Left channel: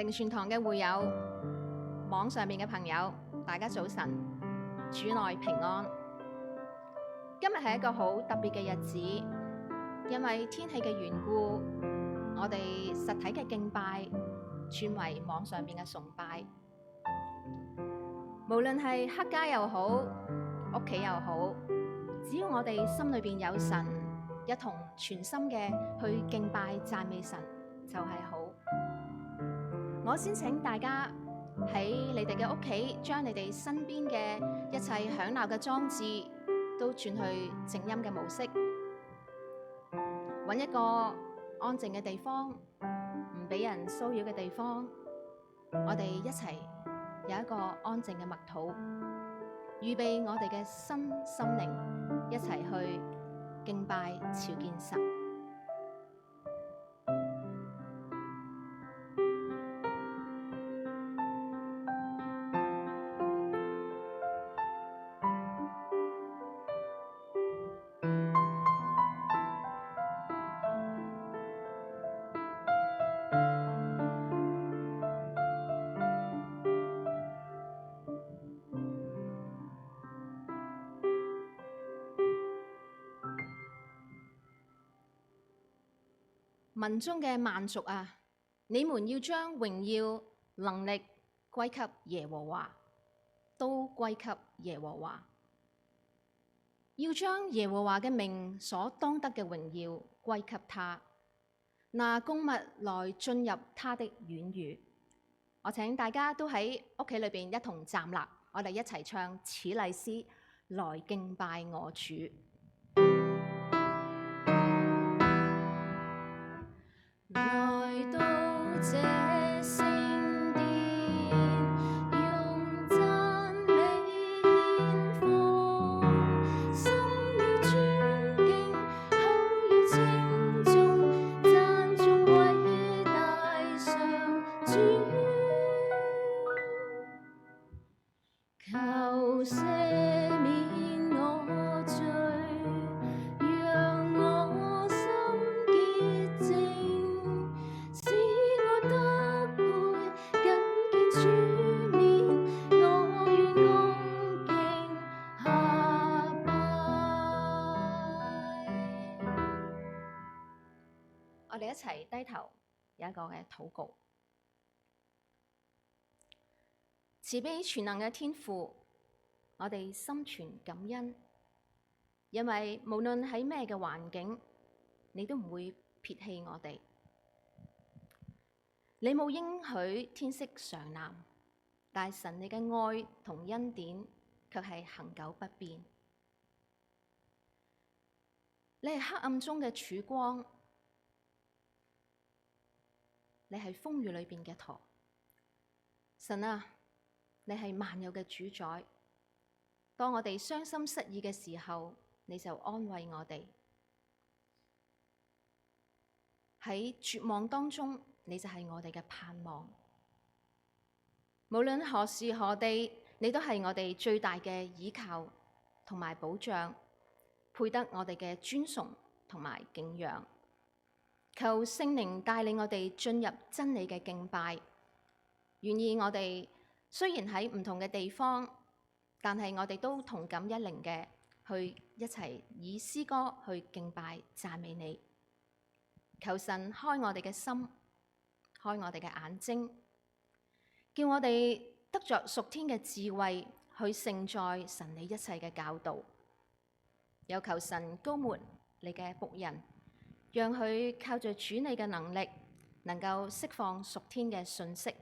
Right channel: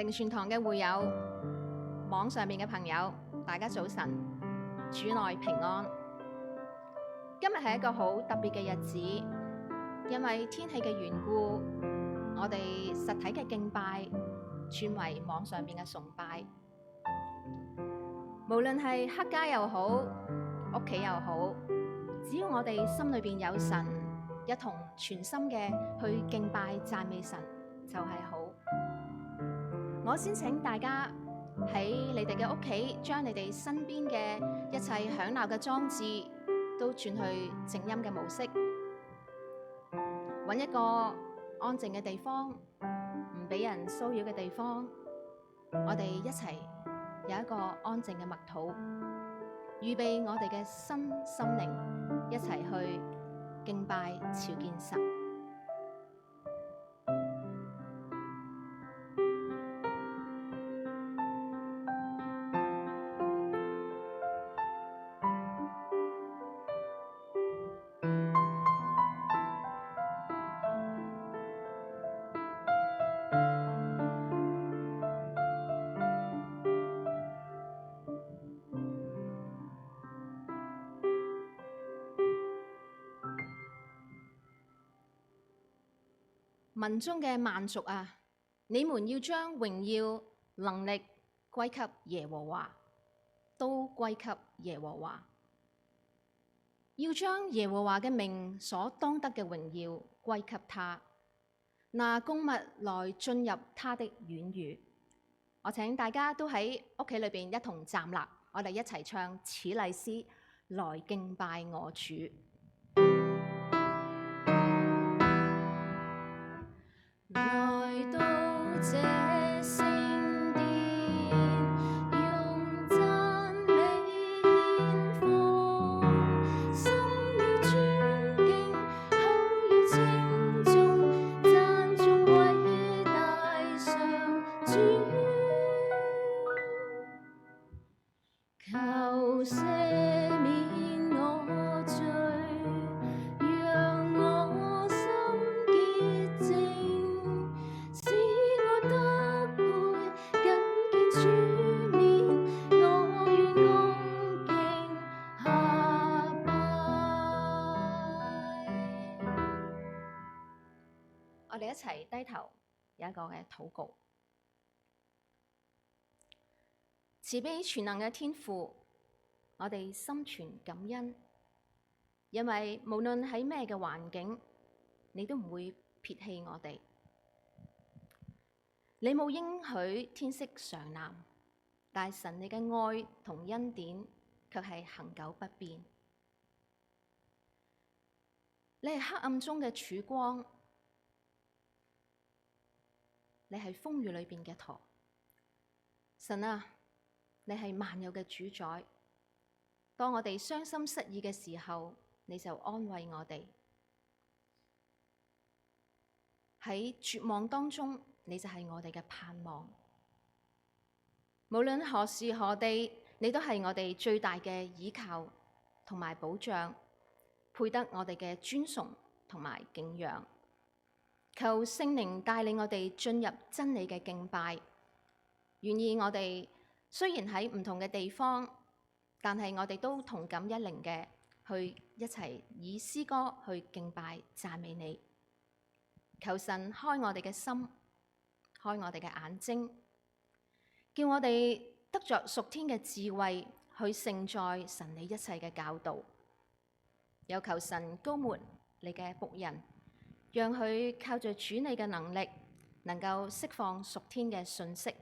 靈泉堂嘅會友，網上面嘅朋友，大家早晨，主內平安。今日係一個好特別嘅日子，因為天氣嘅緣故，我哋實體嘅敬拜轉為網上面嘅崇拜。無論係黑街又好，屋企又好，只要我哋心裏邊有神，一同全心嘅去敬拜讚美神，就係好。我先請大家喺你哋嘅屋企，將你哋身邊嘅一切響鬧嘅裝置都轉去靜音嘅模式，揾一個安靜嘅地方，唔俾人騷擾嘅地方，我哋一齊有一個安靜嘅默禱，預備我哋嘅心靈一齊去敬拜朝見神。民中嘅萬族啊，你們要將榮耀能力歸給耶和華，都歸給耶和華。要將耶和華嘅名所當得嘅榮耀歸給他，拿供物來進入他的院宇。我請大家都喺屋企裏邊一同站立，我哋一齊唱此禮詩來敬拜我主。來到這聖殿，用讚美獻奉，心要尊敬，口要稱頌，讚頌偉大上主，求赦免我罪，讓我心潔淨，使我得配緊見主面，我願恭敬下拜。我哋一齊低頭有一個嘅禱告。慈悲全能嘅天父，我哋心存感恩，因為無論喺咩嘅環境，你都唔會撇棄我哋。你冇應許天色常藍，但神你嘅愛同恩典卻係恆久不變。你係黑暗中嘅曙光，你係風雨裏邊嘅舵。神啊，你係萬有嘅主宰。當我哋傷心失意嘅時候，你就安慰我哋；喺絕望當中，你就係我哋嘅盼望。無論何時何地，你都係我哋最大嘅依靠同埋保障，配得我哋嘅尊崇同埋敬仰。求聖靈帶領我哋進入真理嘅敬拜，願意我哋雖然喺唔同嘅地方，但係我哋都同感一靈嘅去一齊以詩歌去敬拜讚美你。求神開我哋嘅心，開我哋嘅眼睛，叫我哋得着屬天嘅智慧去承載神你一切嘅教導。又求神膏抹你嘅僕人，讓佢靠着主你嘅能力，能夠釋放屬天嘅信息，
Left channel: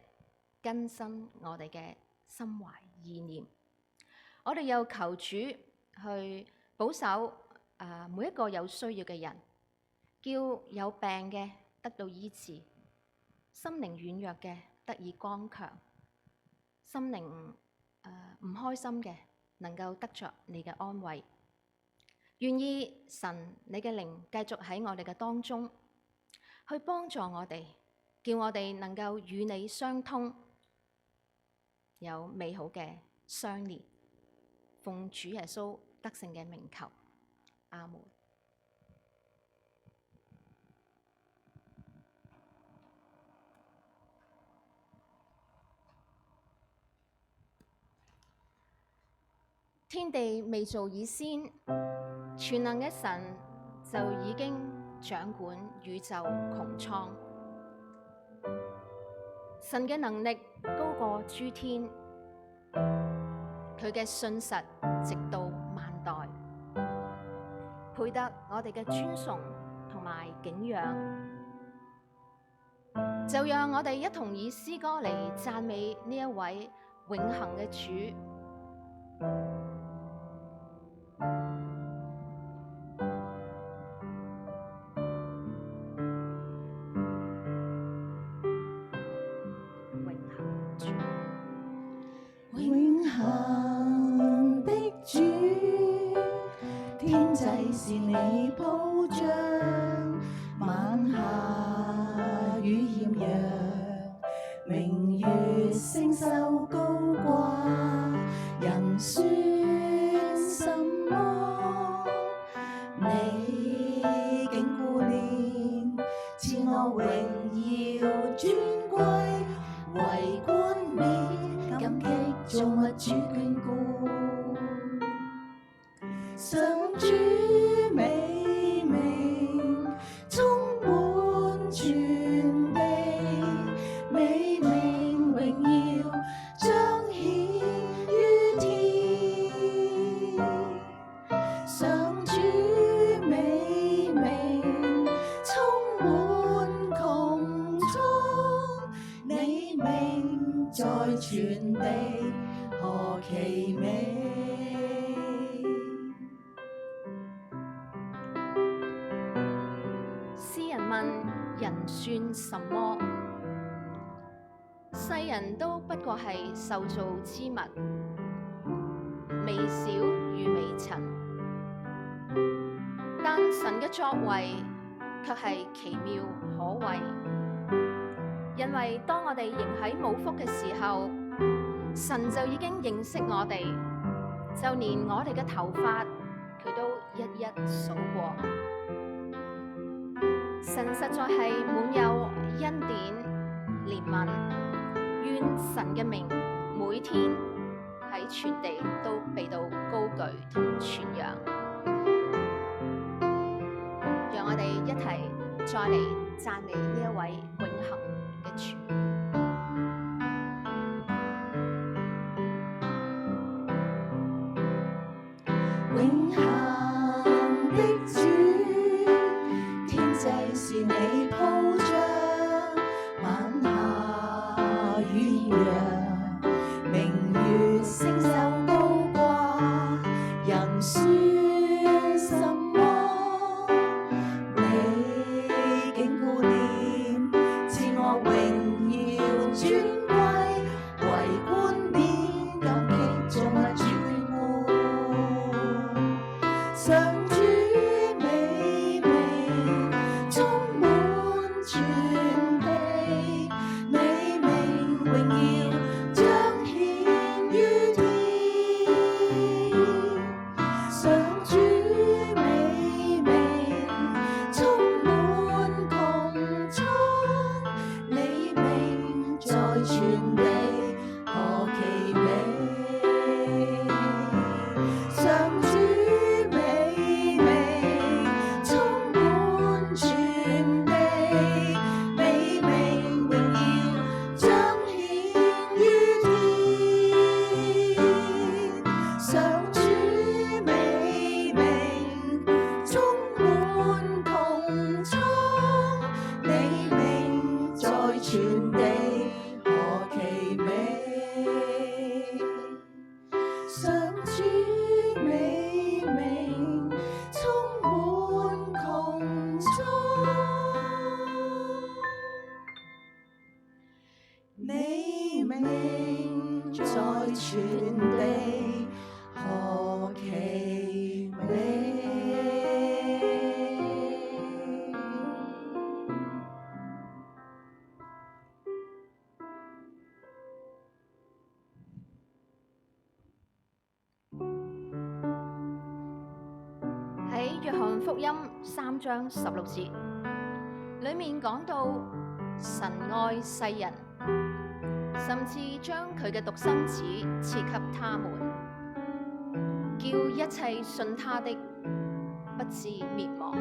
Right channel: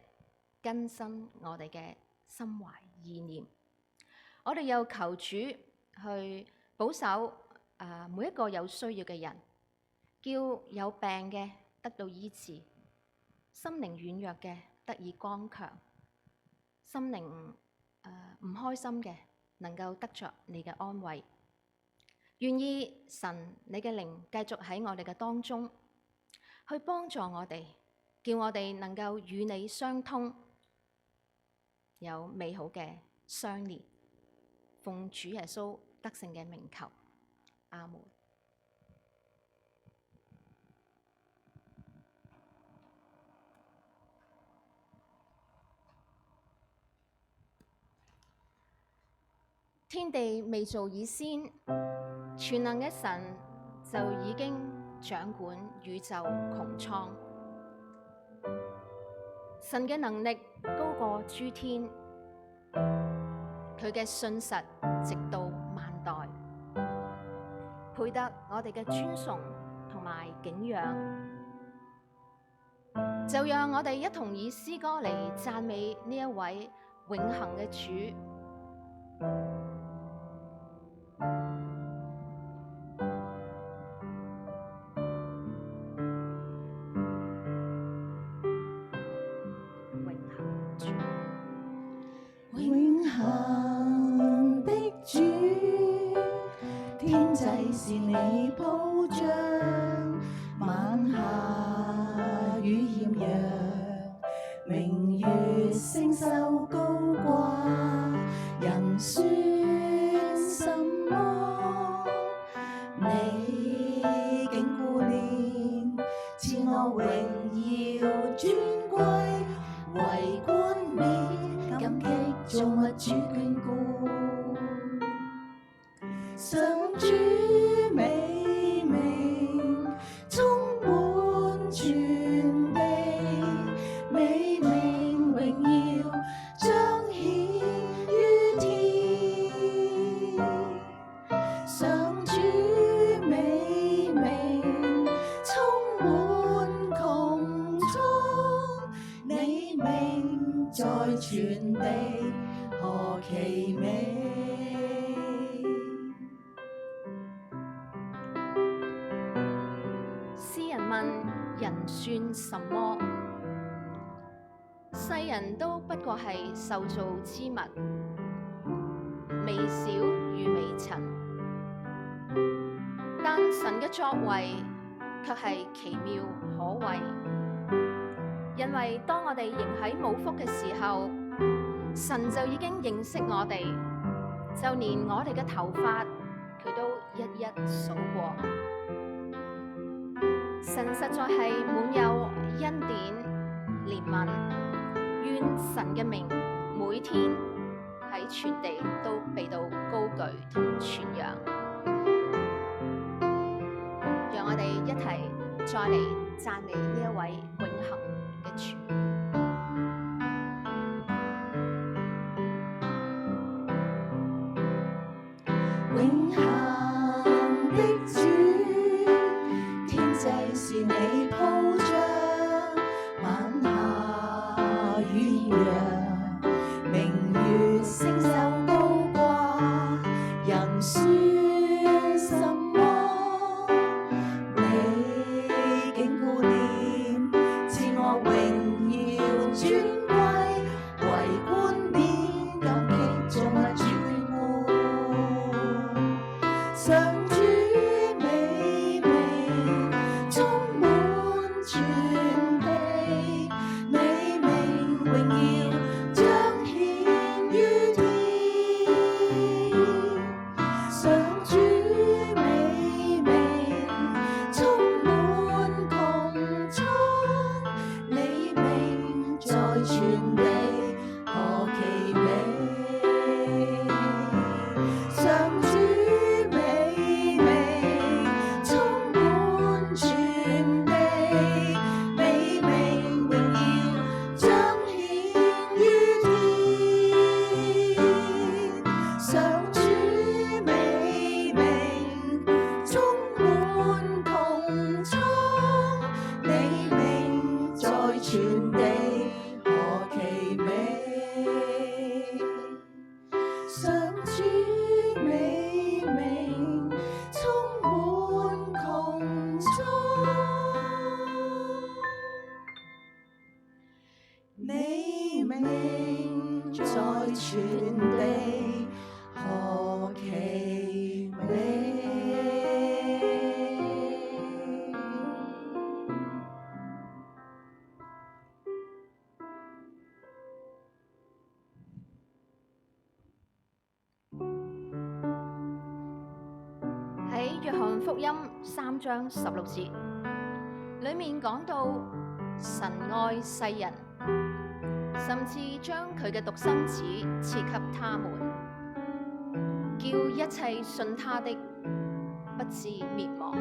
更新我哋嘅心懷意念。我哋又求主去保守每一個有需要嘅人，叫有病嘅得到醫治，心靈軟弱嘅得以剛強，心靈唔開心嘅能夠得着你嘅安慰。願意神你嘅靈繼續喺我哋嘅當中，去幫助我哋，叫我哋能夠與你相通，有美好嘅相連。奉主耶穌得勝嘅名求，阿門。天地未造以先，全能嘅神就已經掌管宇宙穹蒼。神嘅能力高過諸天，佢嘅信實直到萬代，配得我哋嘅尊崇同埋敬仰。就讓我哋一同以詩歌嚟讚美呢一位永恆嘅主。永恆的主，天際是你鋪張，晚霞與豔陽，明月星宿高掛，人算什麼？你竟顧念，賜我榮耀尊貴，為冠冕感激造物主眷顧，上主美名充滿全地，美名榮耀彰顯於天，上主美名充滿穹蒼，你名在全地何其美！詩人問：人算什麼？世人都不過係受造之物，微小如微塵，但神嘅作為卻係奇妙可畏。因為當我哋仍喺母腹嘅時候，神就已經認識我哋，就連我哋嘅頭髮佢都一一數過。神實在係滿有恩典憐憫，願神嘅名每天喺全地都被到高舉同傳揚。讓我哋一齊再嚟讚美呢一位永恆嘅主。永恆的主，天際是你鋪張，晚霞與豔陽，明月星宿高掛，人算什麼？你竟顧念，賜我榮耀尊貴，為冠冕感激造物主眷顧，上主美名充滿全地，你名榮耀彰顯於天，上主美名充滿穹蒼，你名在全地何其美！上主美名充滿全地，美名榮耀彰顯於天，上主美名充滿穹蒼，你名在全地何其美！上主美名充滿穹蒼，你名在全地何其美！喺約翰福音3章16節裏面講到，神愛世人，甚至將佢嘅獨生子賜給他們，叫一切信他的不至滅亡，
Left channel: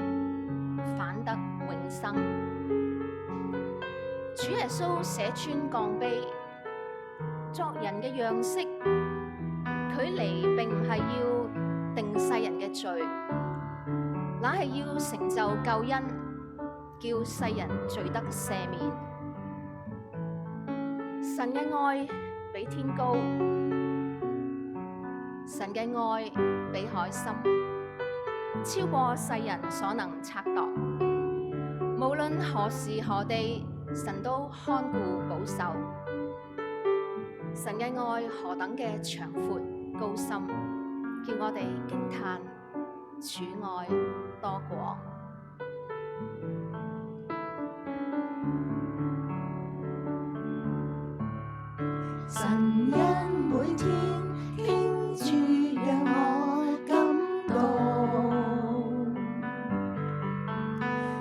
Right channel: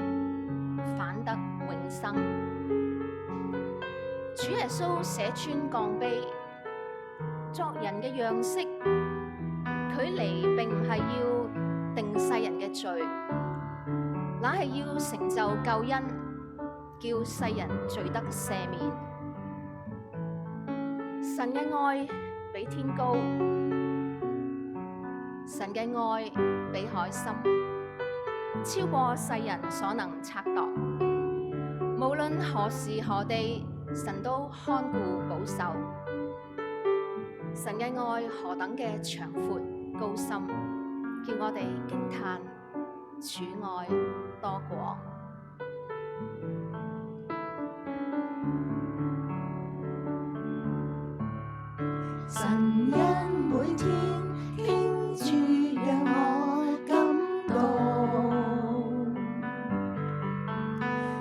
反得永生。主耶穌捨穿降卑，作人嘅樣式，佢嚟並唔係要定世人嘅罪，乃係要成就救恩，叫世人罪得赦免。神嘅愛比天高，神嘅愛比海深，超過世人所能測度。無論何時何地，神都看顧保守。神嘅愛何等嘅長闊高深，叫我哋驚嘆主愛多廣。神恩每天傾注，讓我感動。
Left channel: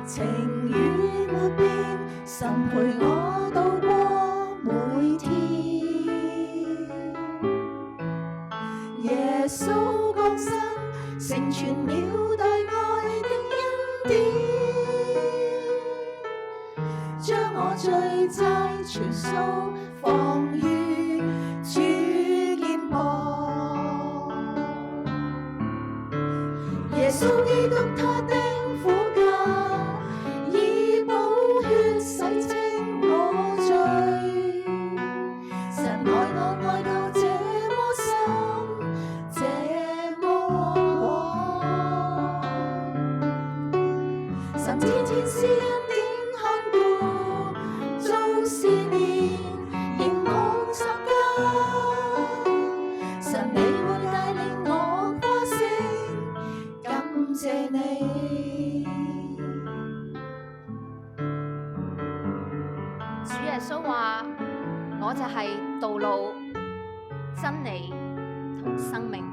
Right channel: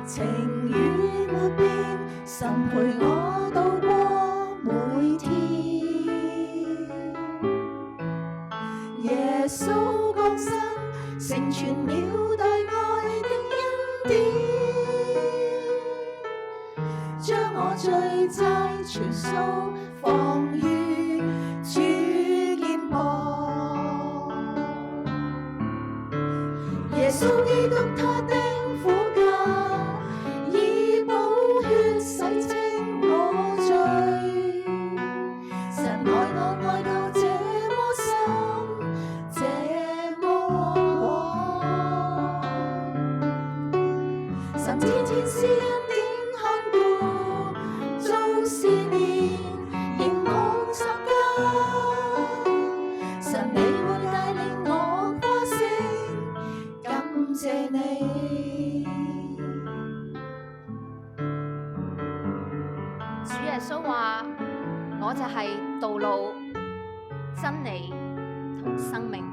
情與沒變，神陪我度過每天。耶穌降生，成全了大愛的恩典，將我罪債全數放於主肩膀。耶穌基督他的苦架，以寶血洗清我罪。神愛我愛到這麼深，這麼廣。神天天施恩典看顧，做事年凝望十架。神你會帶領我誇勝，感謝你。主耶穌話：我就係道路、真理同生命。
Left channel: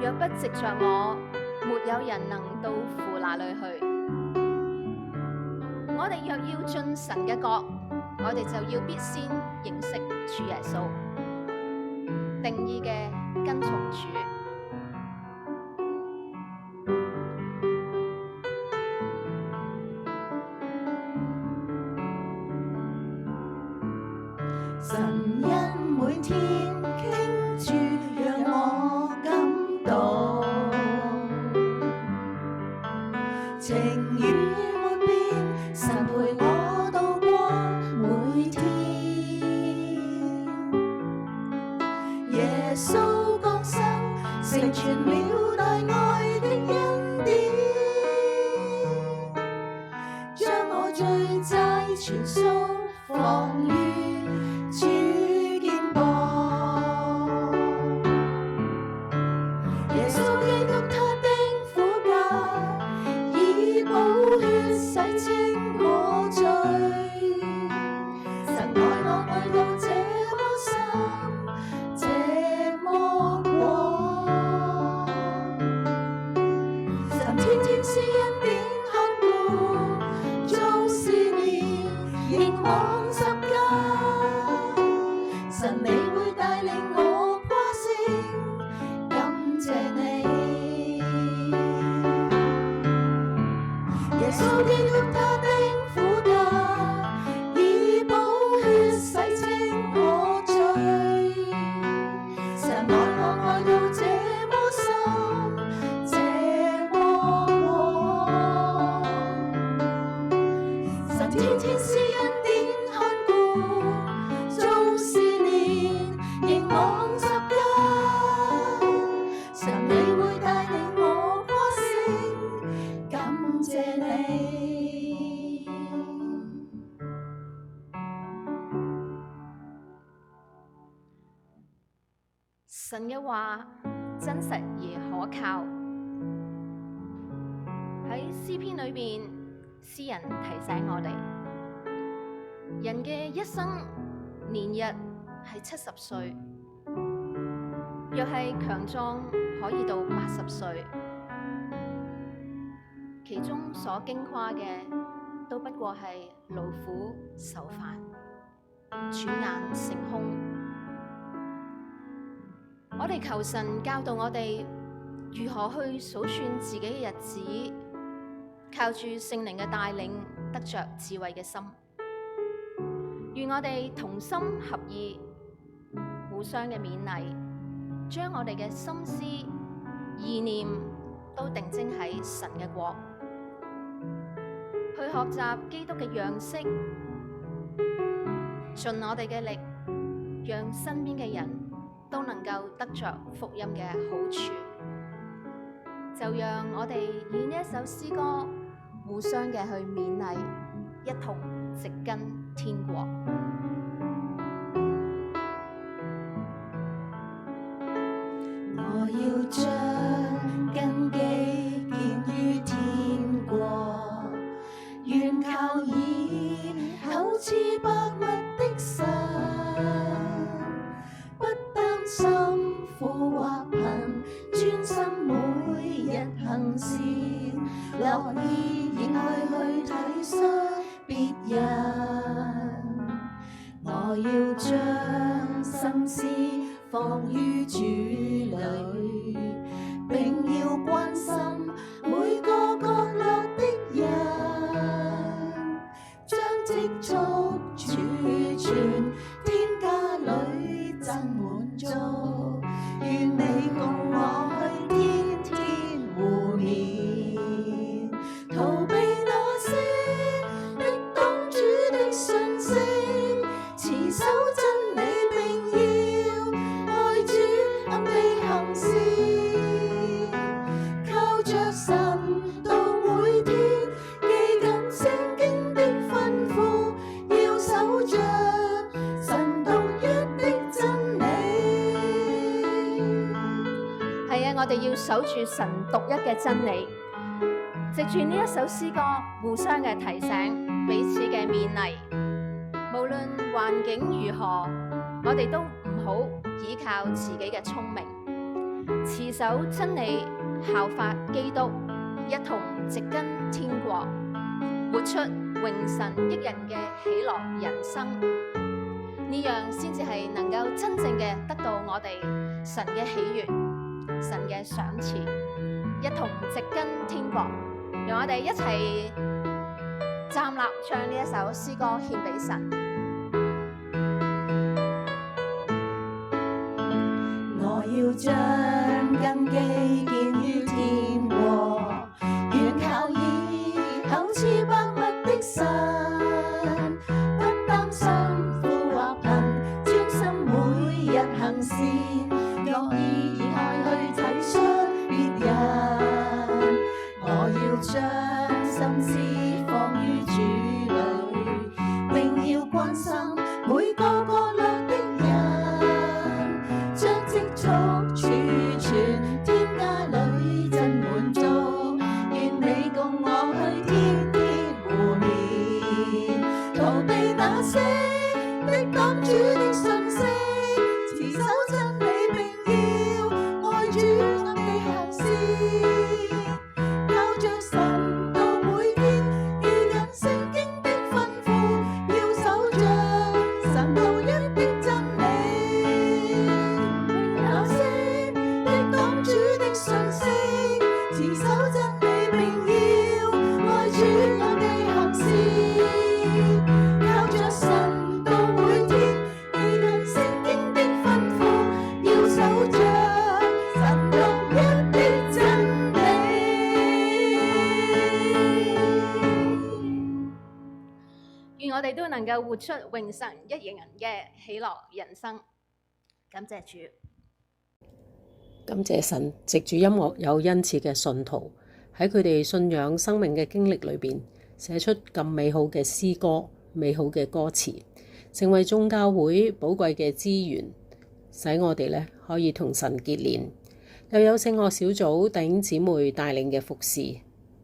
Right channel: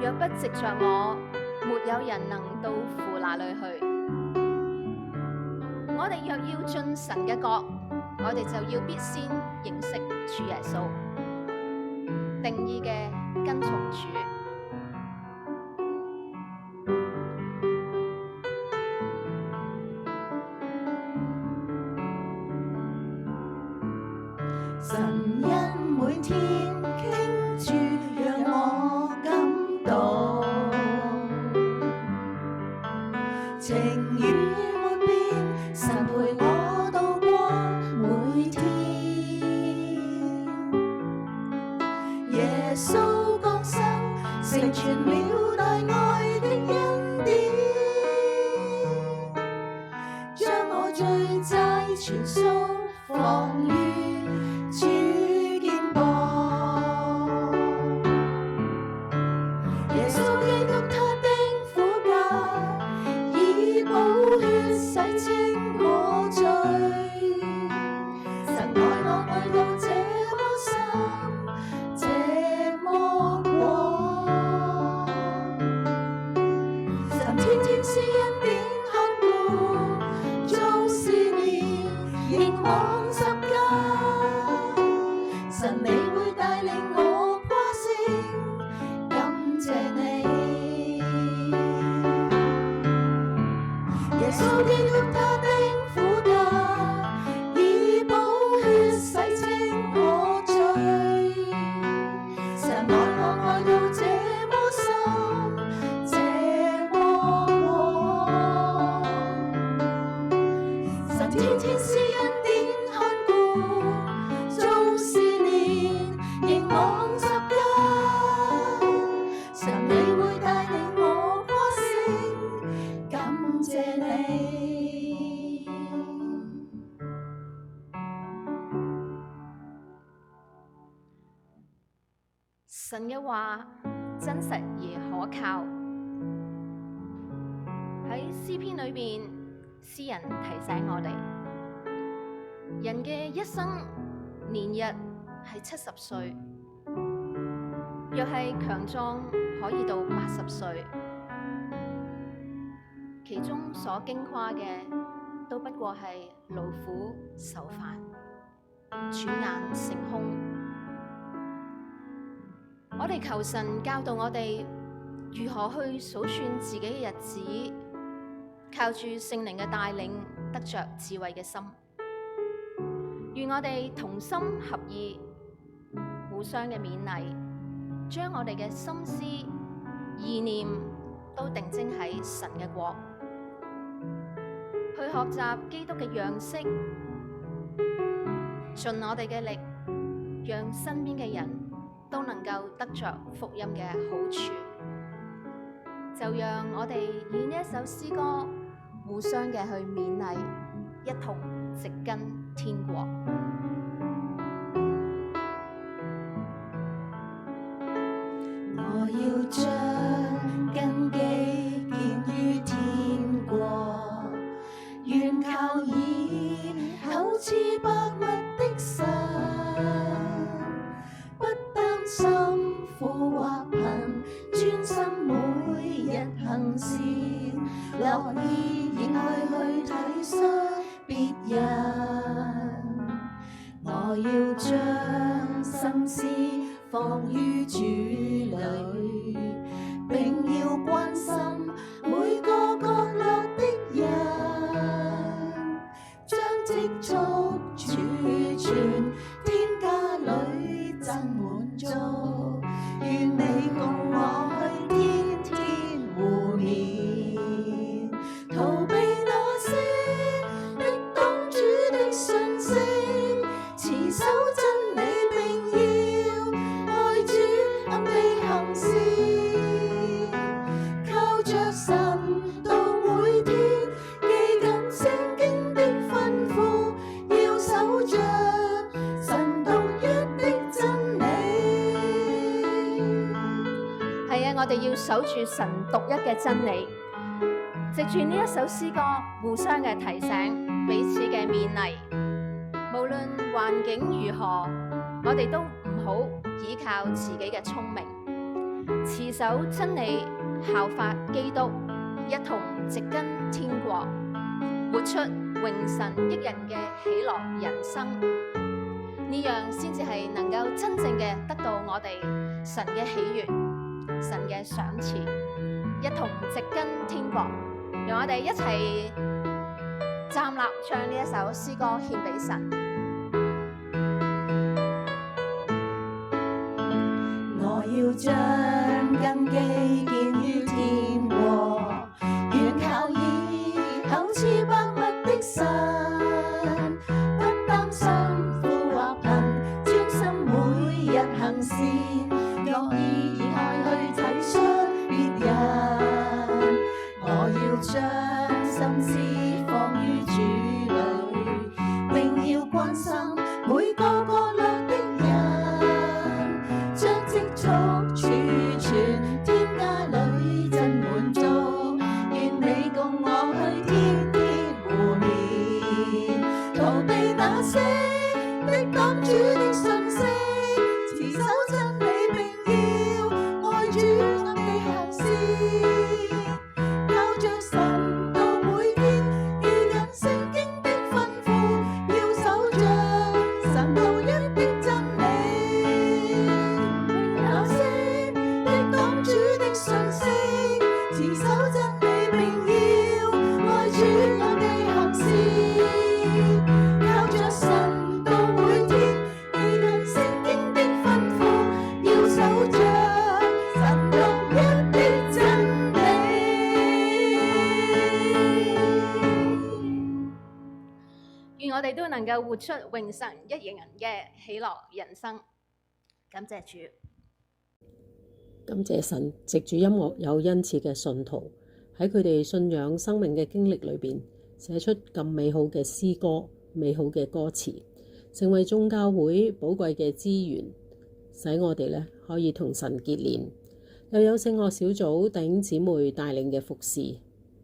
若不藉着我，沒有人能到父那裏去。我哋若要進神嘅國，我哋就要必先認識主耶穌，定意嘅跟從主。神恩每天傾注，讓我感動。情與沒變，神陪我度過每天。耶穌降生，成全了大愛的恩典，將我罪債全數放於主肩膀。耶穌基督他的苦架，以寶血洗清我罪。神愛我愛到這麼深，這麼廣。神天天施恩典看顧，做事年凝望十架。神你會帶領我誇勝，感謝你。耶穌基督他的苦架，以寶血洗清我罪。神愛我愛到這麼深，這麼廣。神天天施恩典看顧，做事年凝望十架。神你會帶領我誇勝，感謝你。神嘅話真實而可靠。喺詩篇裏邊，詩人提醒我哋，人嘅一生年日係70歲，若係強壯可以到80歲，其中所經誇嘅都不過係勞苦愁煩，轉眼成空。我哋求神教導我哋如何去數算自己嘅日子，靠住聖靈嘅帶領，得着智慧嘅心。願我哋同心合意，互相嘅勉勵，將我哋嘅心思意念都定睛喺神嘅國，去學習基督嘅樣式，盡我哋嘅力，讓身邊嘅人都能夠得着福音嘅好處。就讓我哋以呢一首詩歌互相嘅去勉勵，一同植根天國。我要將根基建於天國，願靠以厚賜百物的神，不擔心富或貧，專心每日行善，樂意熱愛去體恤別人。我要將心思放於主裏，並要關心每個角落的人，將積蓄儲存，天家裏真滿足。願你共我去天天互勉，逃避那些敵擋主的訊息，持守真理並要愛主暗地行事，靠着神到每天記緊聖經的吩咐，要守着神獨一的真理。係啊，我哋要守住神獨一嘅真理，藉住呢一首詩歌，互相嘅提醒，彼此嘅勉勵。無論環境如何，我哋都唔好依靠自己嘅聰明，持守真理，效法基督，一同植根天國，活出榮神益人嘅喜樂人生。呢樣先至係能夠真正嘅得到我哋神嘅喜悅、神嘅賞賜，一同植根天國。讓我哋一齊站立，將呢一首詩歌獻俾神。我要將根基建於天國，願靠以厚賜百物的神，不擔心富或貧，專心每日行善，樂意熱愛去體恤別人。我要將心思放於主裏，並要關心每個角落的人，將積蓄儲存，天家裏真滿足。願你共我去天天互勉，逃避那些敵擋主的訊息，持守真理並要愛主暗地行事，靠着神到每天記緊聖經的吩咐，要守着神獨一的真理。那些敵擋主的訊息，持守真理並要愛主暗地行事，靠着神到每天記緊聖經的吩咐，要守着神獨一的真理。願我哋都能夠活出榮神益人嘅喜樂人生。感謝主。感謝神，藉住音樂有恩賜嘅信徒喺佢哋信仰生命嘅經歷裏邊，寫出咁美好嘅詩歌、美好嘅歌詞，成為眾教會寶貴嘅資源，使我哋可以同神結連。又有聖樂小組弟兄姊妹帶領嘅服侍，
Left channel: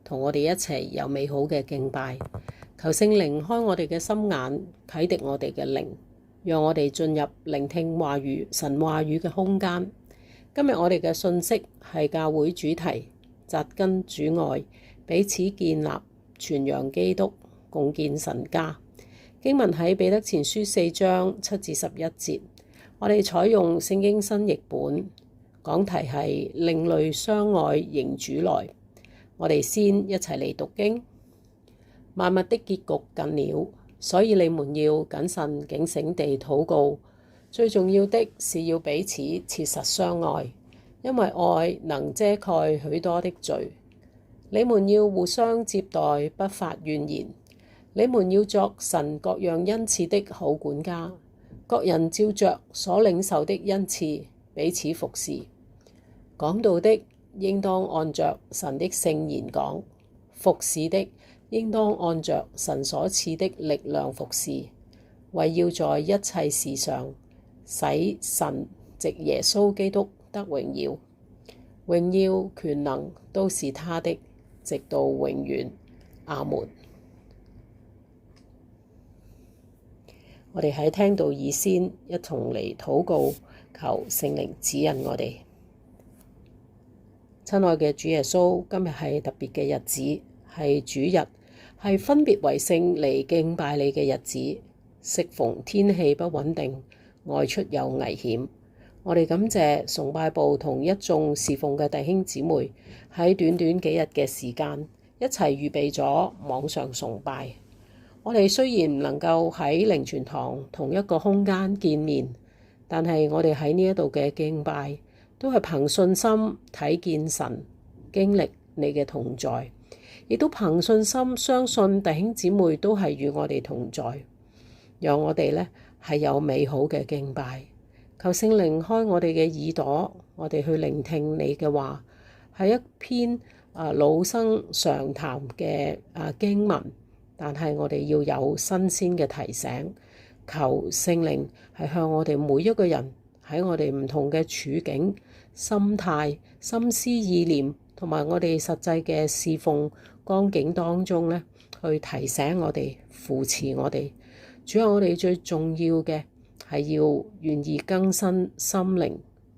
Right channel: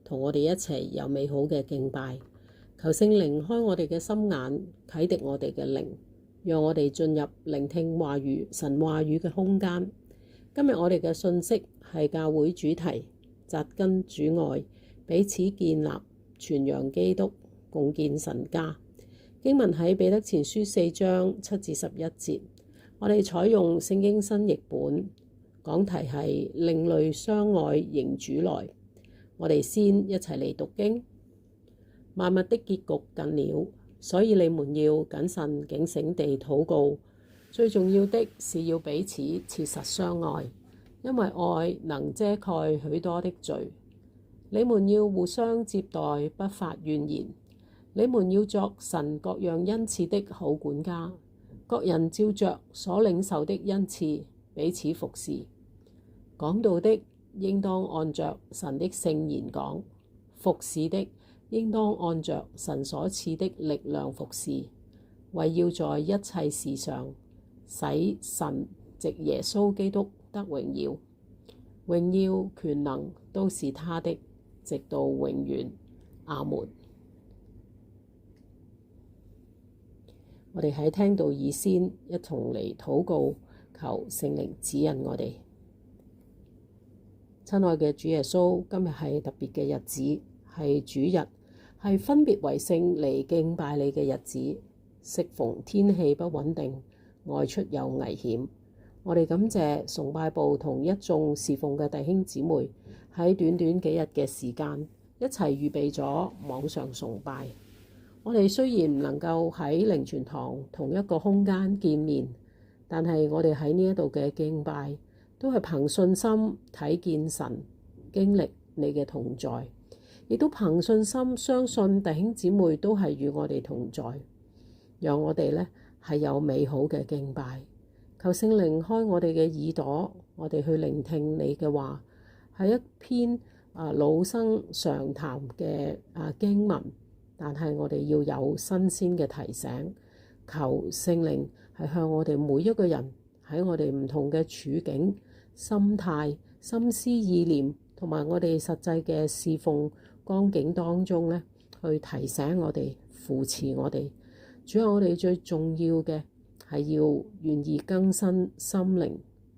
同我哋一齊有美好嘅敬拜。求聖靈開我哋嘅心眼，啟迪我哋嘅靈，讓我哋進入聆聽話語、神話語嘅空間。今日我哋嘅信息係教會主題：扎根主愛，彼此建立，傳揚基督，共建神家。經文喺彼得前書4章7至11節。我哋採用聖經新譯本，講題係另類相愛迎主來。我哋先一齊嚟讀經。萬物的結局近了，所以你們要謹慎警醒地禱告。最重要的是要彼此切實相愛，因為愛能遮蓋許多的罪。你們要互相接待，不發怨言。你們要作神各樣恩賜的好管家，各人照着所領受的恩賜彼此服侍。講道的應當按着神的聖言講，服侍的應當按着神所賜的力量服侍，為要在一切事上使神藉耶穌基督得榮耀。榮耀權能都是他的，直到永遠。阿門。我哋喺聽道以先，一同嚟禱告，求聖靈指引我哋。親愛嘅主耶穌，今日係特別嘅日子，係主日，係分別為聖嚟敬拜你嘅日子。適逢天氣不穩定，外出有危險，我哋感謝崇拜部同一眾侍奉嘅弟兄姊妹喺短短幾日嘅時間，一齊預備咗網上崇拜。我哋雖然唔能夠喺靈傳堂同一個空間見面，但係我哋喺呢一度嘅敬拜，都係憑信心睇見神，經歷你嘅同在，亦都憑信心相信弟兄姊妹都係與我哋同在，讓我哋呢係有美好嘅敬拜。求聖靈開我哋嘅耳朵，我哋去聆聽你嘅話，係一篇老生常談嘅經文，但係我哋要有新鮮嘅提醒。求聖靈係向我哋每一個人喺我哋唔同嘅處境、心態、心思意念同埋我哋實際嘅侍奉光景當中呢，去提醒我哋、扶持我哋。主要我哋最重要嘅係要願意更新心靈、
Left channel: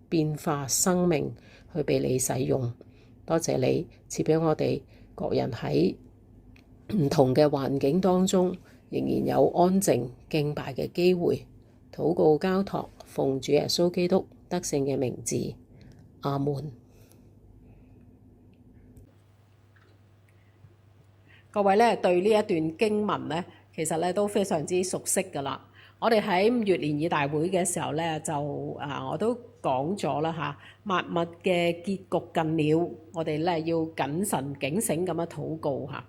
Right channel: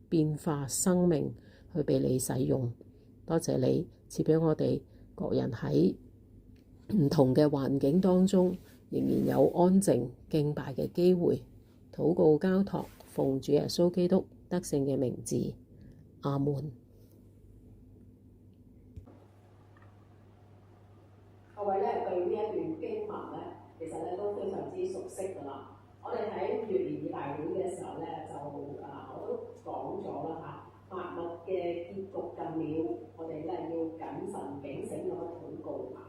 變化生命，去被你使用。多謝你賜俾我哋各人喺唔同嘅環境當中，仍然有安靜敬拜嘅機會。禱告交託，奉主耶穌基督得勝嘅名字，阿門。各位咧對呢一段經文咧，其實咧都非常之熟悉㗎啦。我哋喺5月聯誼大會嘅時候咧，就我都講咗啦嚇，萬物嘅結局近了，我哋咧要謹慎警醒咁樣禱告嚇。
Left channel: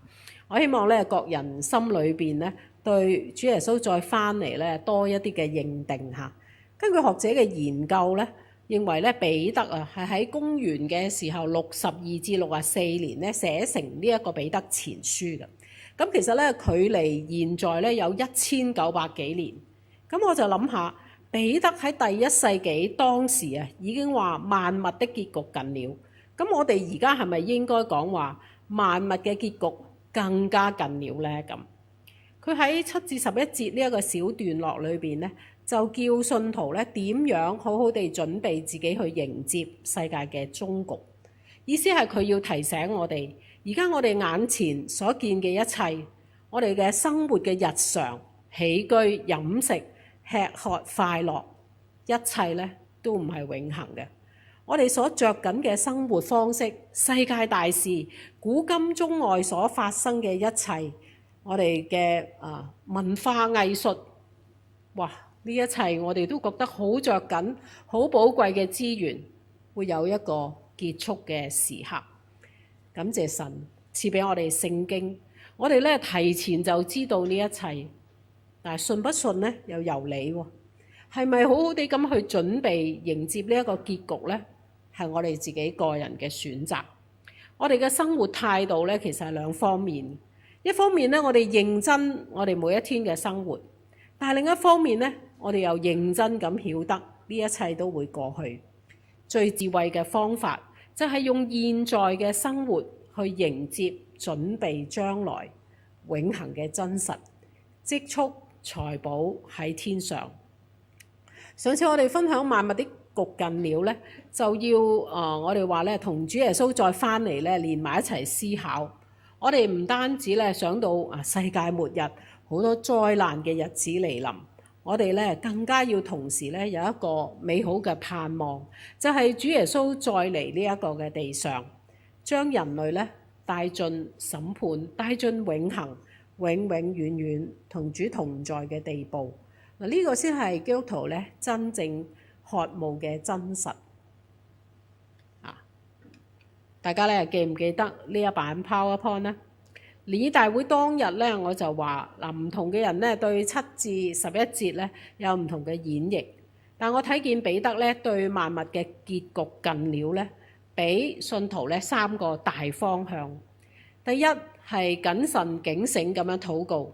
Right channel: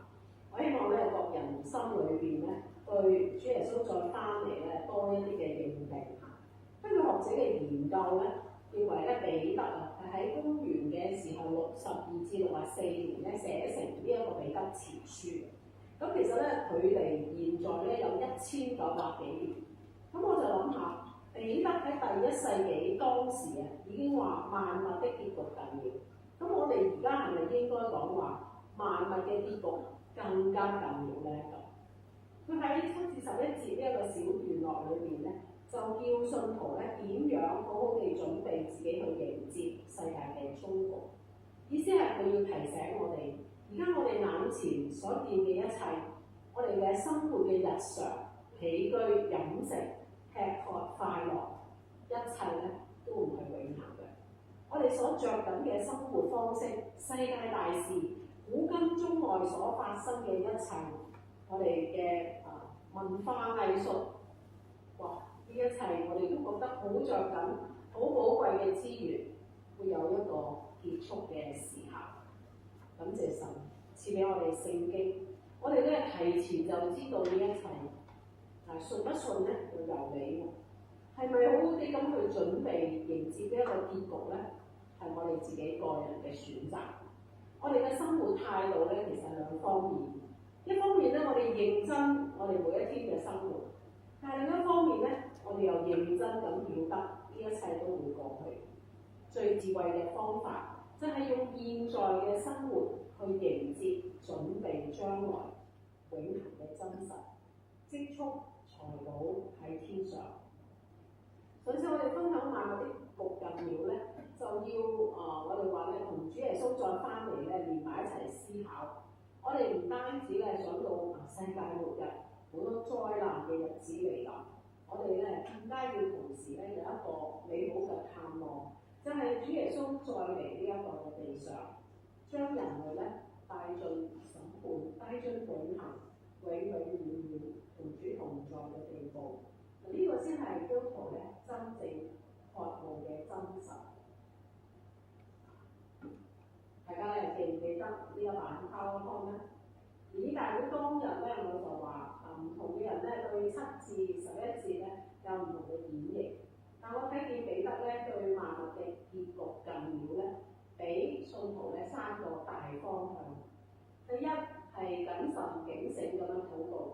我希望咧各人心裏邊咧對主耶穌再翻嚟咧多一啲嘅認定嚇。根據學者嘅研究咧，認為咧彼得係喺公元嘅時候62至64年咧寫成呢一個彼得前書嘅。咁其實咧距離現在咧有1900幾年。咁我就諗下，彼得喺第1世紀當時已經話萬物的結局近了。咁我哋而家係咪應該講話萬物嘅結局更加近了呢？咁佢喺7至11節呢一個小段落裏邊咧，就叫信徒咧點樣好好地準備自己去迎接世界嘅終局。意思係佢要提醒我哋，而家我哋眼前所見嘅一切，我哋嘅生活嘅日常起居飲食、吃喝快樂，一切咧都唔係永恆嘅。我哋所着緊嘅生活方式、世界大事、古今中外所發生嘅一切，我哋嘅文化藝術，哇！呢一切我哋都覺得好着緊、好寶貴嘅資源，會有一個結束嘅時刻。感謝神賜俾我哋聖經，我哋咧提前就知道呢一切。但係信不信咧，又由你喎。係咪好好地咁去準備迎接呢一個結局咧？係我哋自己個人嘅選擇。我哋嘅生活態度咧，其實係兩方面。一方面咧，我哋認真我哋每一天嘅生活；但係另一方面咧，我哋又認真咁曉得呢一切都會過去。最智慧嘅方法就係用現在嘅生活去迎接、準備將來永恆嘅真實，積蓄財寶喺天上。上次我哋分享萬物的局近了咧，就要我哋話咧，同主耶穌再翻嚟咧，連埋一齊思考。我哋唔單止咧想到世界末日好多災難嘅日子嚟臨，我哋咧更加要同時咧有一個美好嘅盼望，就係主耶穌再嚟呢一個嘅地上，將人類咧帶進審判、帶進永恆、永永遠遠同主同在嘅地步。嗱，呢個先係基督徒咧真正渴慕嘅真實。大家咧記唔記得呢一版 PowerPoint 呢？聯誼大會當日咧，我就話嗱，唔同嘅人咧對7至11節咧有唔同嘅演繹，但我睇見彼得咧對萬物嘅結局近了咧，俾信徒咧3個大方向。第一係謹慎警醒咁樣禱告，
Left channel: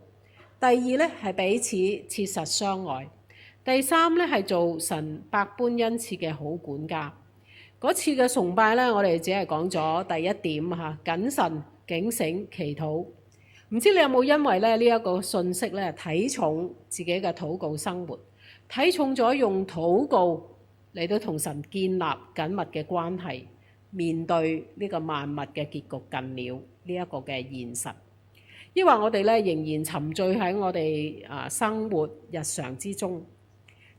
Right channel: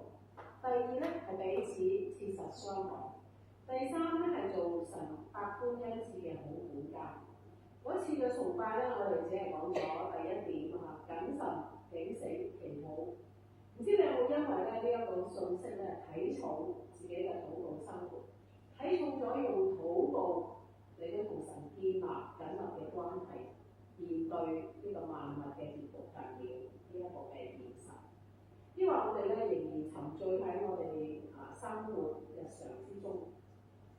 第二咧係彼此切實相愛，第三咧係做神百般恩賜嘅好管家。嗰次嘅崇拜咧，我哋只係講咗第一點嚇，謹慎警醒祈禱。唔知你有冇因為咧呢一個信息咧睇重自己嘅禱告生活，睇重咗用禱告嚟到同神建立緊密嘅關係，面對呢個萬物嘅結局近了呢一個嘅現實，抑或我哋咧仍然沉醉喺我哋生活日常之中。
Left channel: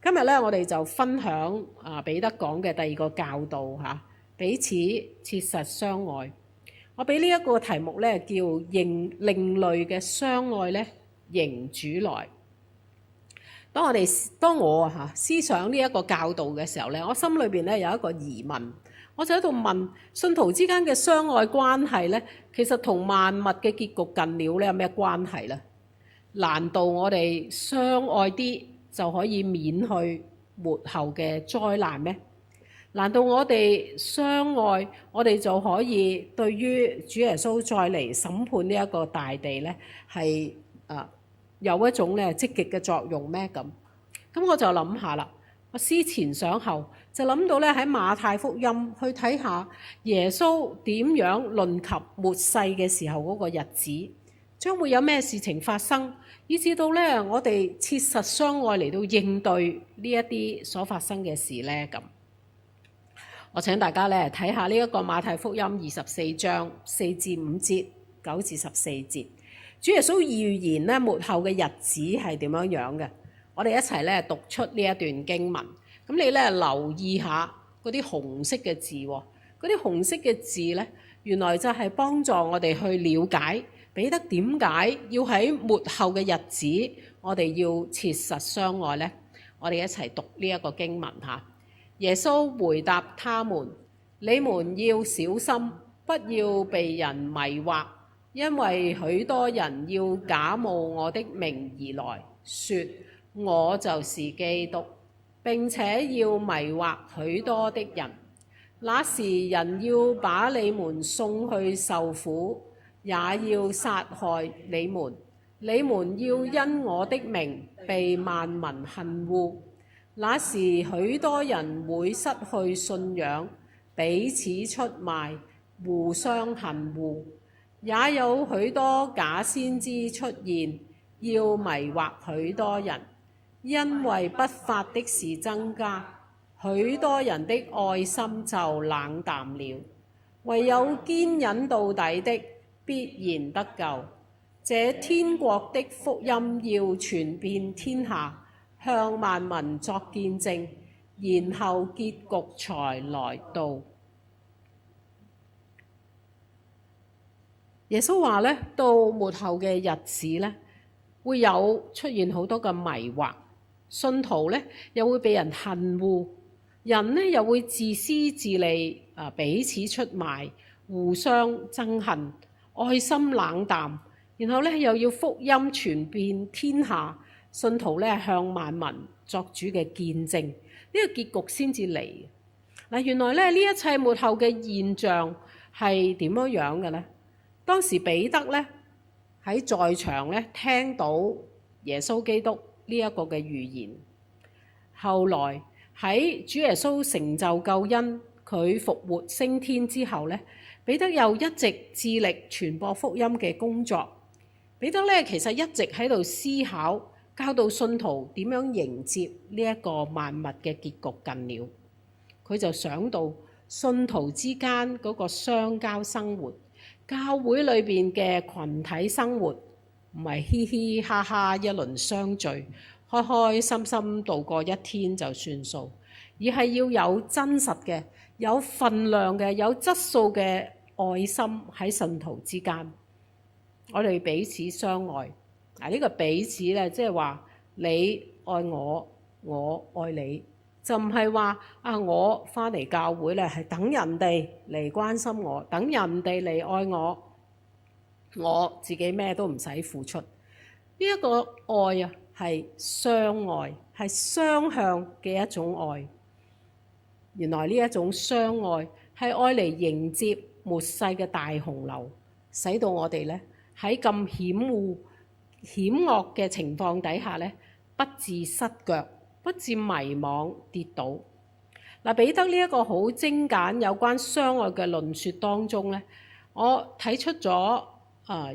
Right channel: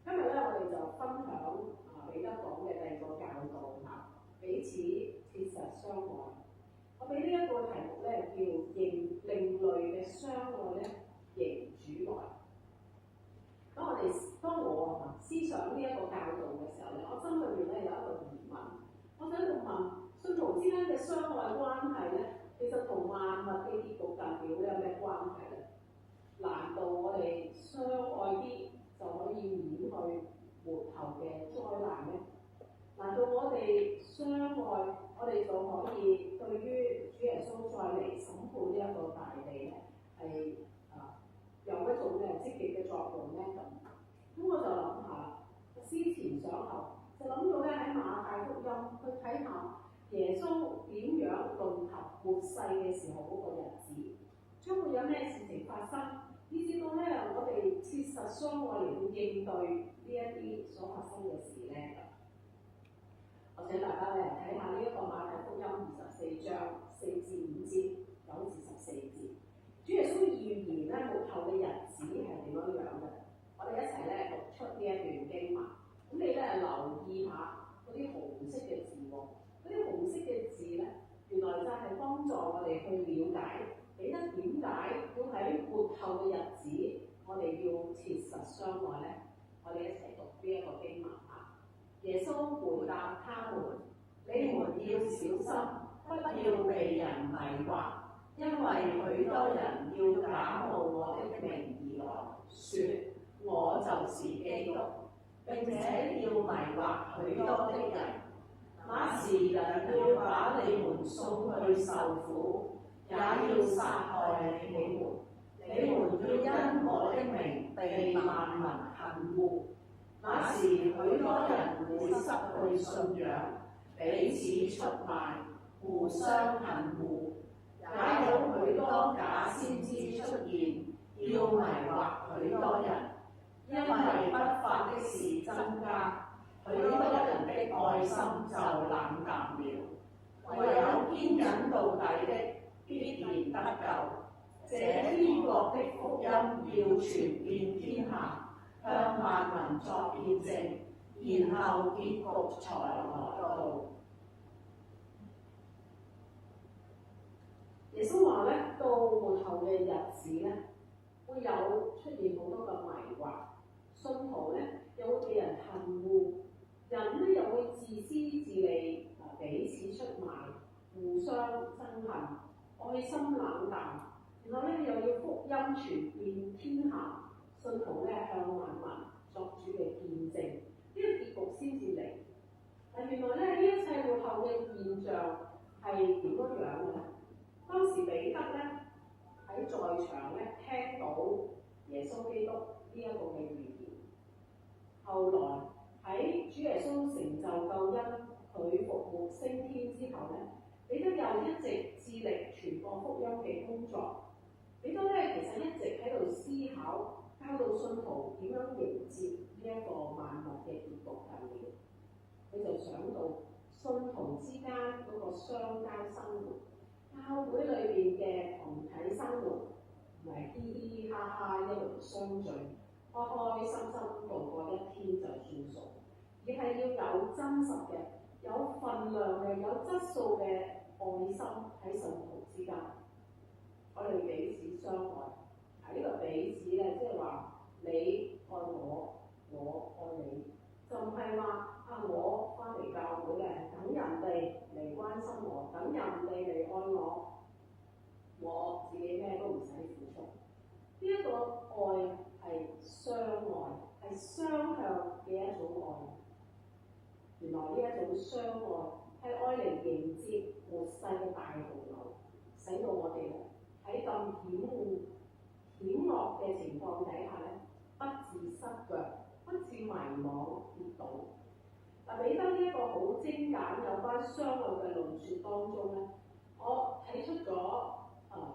今日咧，我哋就分享彼得講嘅第二個教導嚇，彼此切實相愛。我俾呢一個題目咧叫另類嘅相愛咧，迎主來。當我思想呢一個教導嘅時候咧，我心裏邊咧有一個疑問，我就喺度問：信徒之間嘅相愛關係咧，其實同萬物嘅結局近了咧有咩關係咧？難道我哋相愛啲就可以免去末後嘅災難咩？難道我哋相愛，我哋就可以對於主耶穌再嚟審判呢一個大地咧，係有一種咧積極嘅作用咩？咁我就諗下啦，我思前想後，就諗到咧喺馬太福音去睇下耶穌點樣論及末世嘅時候嗰個日子，將會有咩事情發生，以至到咧我哋切實相愛嚟到應對呢一啲所發生嘅事咧咁。我請大家咧睇下呢一個馬太福音24章4至5節、9至14節，主耶穌預言咧末後嘅日子係點樣樣嘅。我哋一齊咧讀出呢一段經文。咁你咧留意下嗰啲紅色嘅字喎，嗰啲紅色嘅字咧，原來就係幫助我哋去了解彼得點解要喺末後嘅日子，我哋要切實相愛咧。我哋一齊讀呢一個經文嚇。耶穌回答他們：你們要小心，不要被人迷惑，因為許多人要假冒我的名而來，說我就是基督，並且要迷惑許多的人。那時人要把你們送去受苦，也要殺害你們。你們要因我的名被萬民恨惡。那時許多人會失去信仰，彼此出賣，互相恨惡。也有許多假先知出現，要迷惑許多人。因為不法的事增加，許多人的愛心就冷淡了。唯有堅忍到底的，必然得救。這天國的福音要傳遍天下，向萬民作見證，然後結局才來到。耶穌話咧，到末後嘅日子咧，會有出現好多嘅迷惑，信徒咧又會被人恨惡，人咧又會自私自利，彼此出賣，互相憎恨，愛心冷淡，然後咧又要福音傳遍天下。信徒咧向萬民作主嘅見證，呢個結局先至嚟。嗱，原來咧呢一切末後嘅現象係點樣樣嘅咧？當時彼得咧喺在場咧聽到耶穌基督呢一個嘅預言，後來喺主耶穌成就救恩，佢復活升天之後咧，彼得又一直致力傳播福音嘅工作。彼得咧其實一直喺度思考，教導信徒點樣迎接呢一個萬物嘅結局近了。佢就想到信徒之間嗰個相交生活，教會裏邊嘅群體生活，唔係嘻嘻哈哈一輪相聚，開開心心度過一天就算數，而係要有真實嘅、有份量嘅、有質素嘅愛心喺信徒之間。我哋彼此相愛。呢個彼此咧，即係話你愛我，我愛你，就唔係話我返嚟教會咧係等人哋嚟關心我，等人哋嚟愛我，我自己咩都唔使付出。呢一個愛啊，係相愛，係雙向嘅一種愛。原來呢一種相愛係愛嚟迎接末世嘅大洪流，使到我哋咧喺咁險惡嘅情況底下咧，不致失腳，不致迷惘跌倒。彼得呢一個好精簡有關相愛嘅論説當中咧，我睇出咗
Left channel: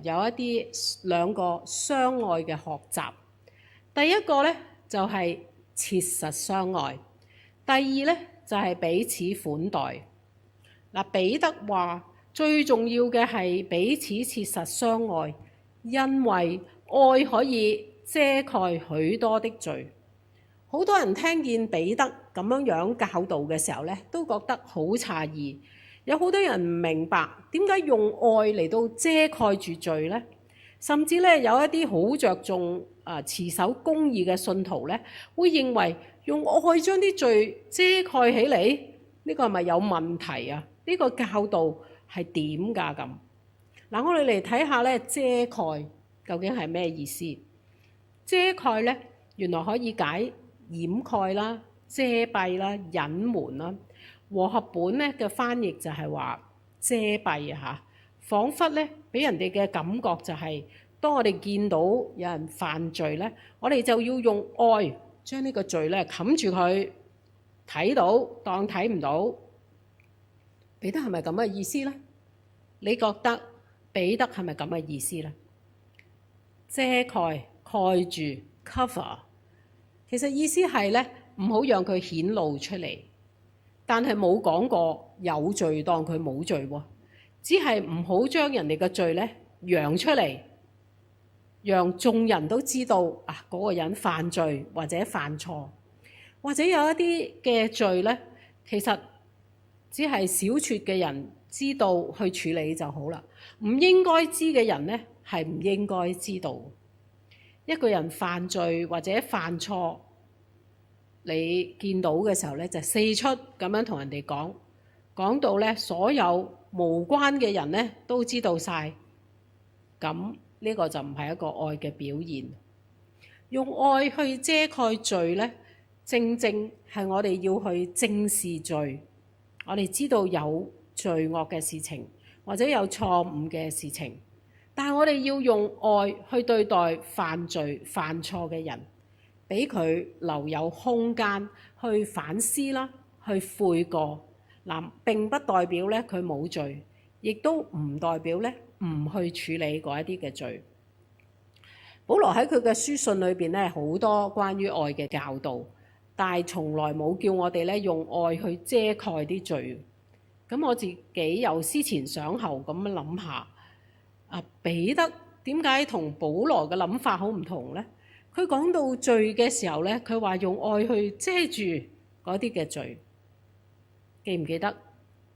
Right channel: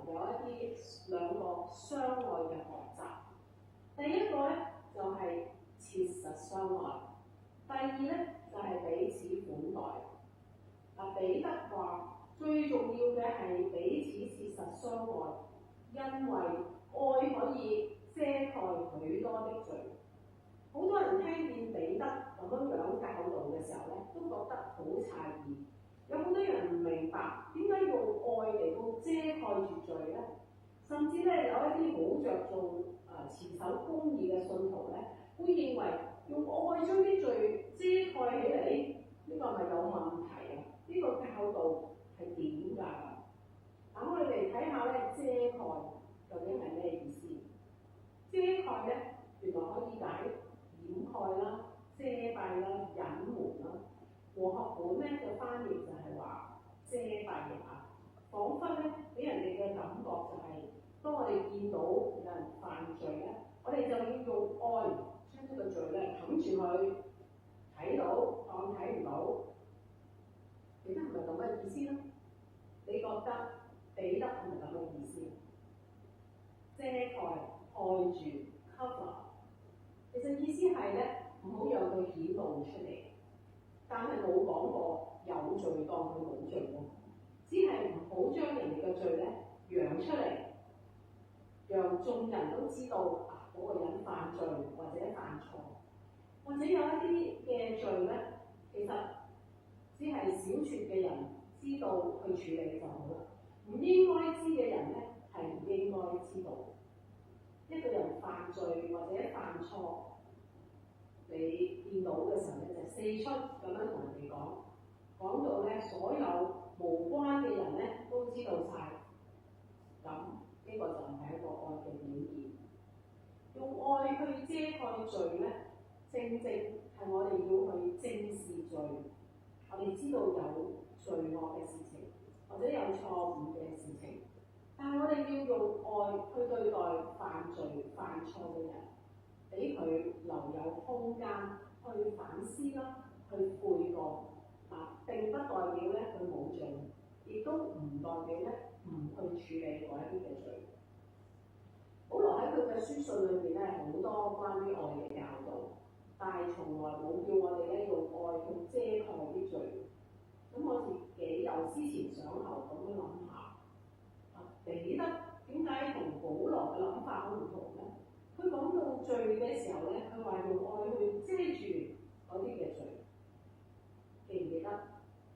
有一啲兩個相愛嘅學習。第一個咧就係切實相愛，第二咧就係彼此款待。彼得話最重要嘅係彼此切實相愛，因為愛可以遮蓋許多的罪。好多人聽見彼得咁樣教導嘅時候咧，都覺得好詫異。有好多人唔明白點解用愛嚟到遮蓋住罪呢？甚至咧有一啲好着重持守公義嘅信徒咧，會認為用愛將啲罪遮蓋起嚟，呢個係咪有問題啊？呢個教導係點㗎咁？我哋嚟睇下咧，遮蓋究竟係咩意思？遮蓋咧，原來可以解掩蓋啦、遮蔽啦、隱瞞啦。和合本咧嘅翻譯就係話遮蔽嚇，彷彿咧俾人哋嘅感覺就係，當我哋見到有人犯罪咧，我哋就要用愛將呢個罪咧冚住佢，睇到當睇唔到。彼得係咪咁嘅意思咧？你覺得彼得係咪咁嘅意思咧？遮蓋、蓋住、cover， 其實意思係咧唔好讓佢顯露出嚟。但係冇講過有罪當佢冇罪喎，只係唔好將人哋嘅罪咧揚出嚟，讓眾人都知道嗰個人犯罪或者犯錯，或者有一啲嘅罪咧，其實只係小撮嘅人知道去處理就好啦。唔應該知嘅人咧係唔應該知道。一個人犯罪或者犯錯，你見到嘅時候咧，就四出咁樣同人哋講到咧，所有無關嘅人咧都知道晒。咁呢個就唔係一個愛嘅表現。用愛去遮蓋罪咧，正正係我哋要去正視罪。我哋知道有罪惡嘅事情，或者有錯誤嘅事情，但係我哋要用愛去對待犯罪犯錯嘅人。俾佢留有空間去反思啦，去悔過。並不代表咧佢冇罪，亦都唔代表咧唔去處理嗰一啲嘅罪。保羅喺佢嘅書信裏邊咧，好多關於愛嘅教導，但係從來冇叫我哋咧用愛去遮蓋啲罪。咁我自己又思前想後咁樣諗下，彼得點解同保羅嘅諗法好唔同咧？佢講到罪嘅時候咧，佢話用愛去遮住嗰啲嘅罪。記唔記得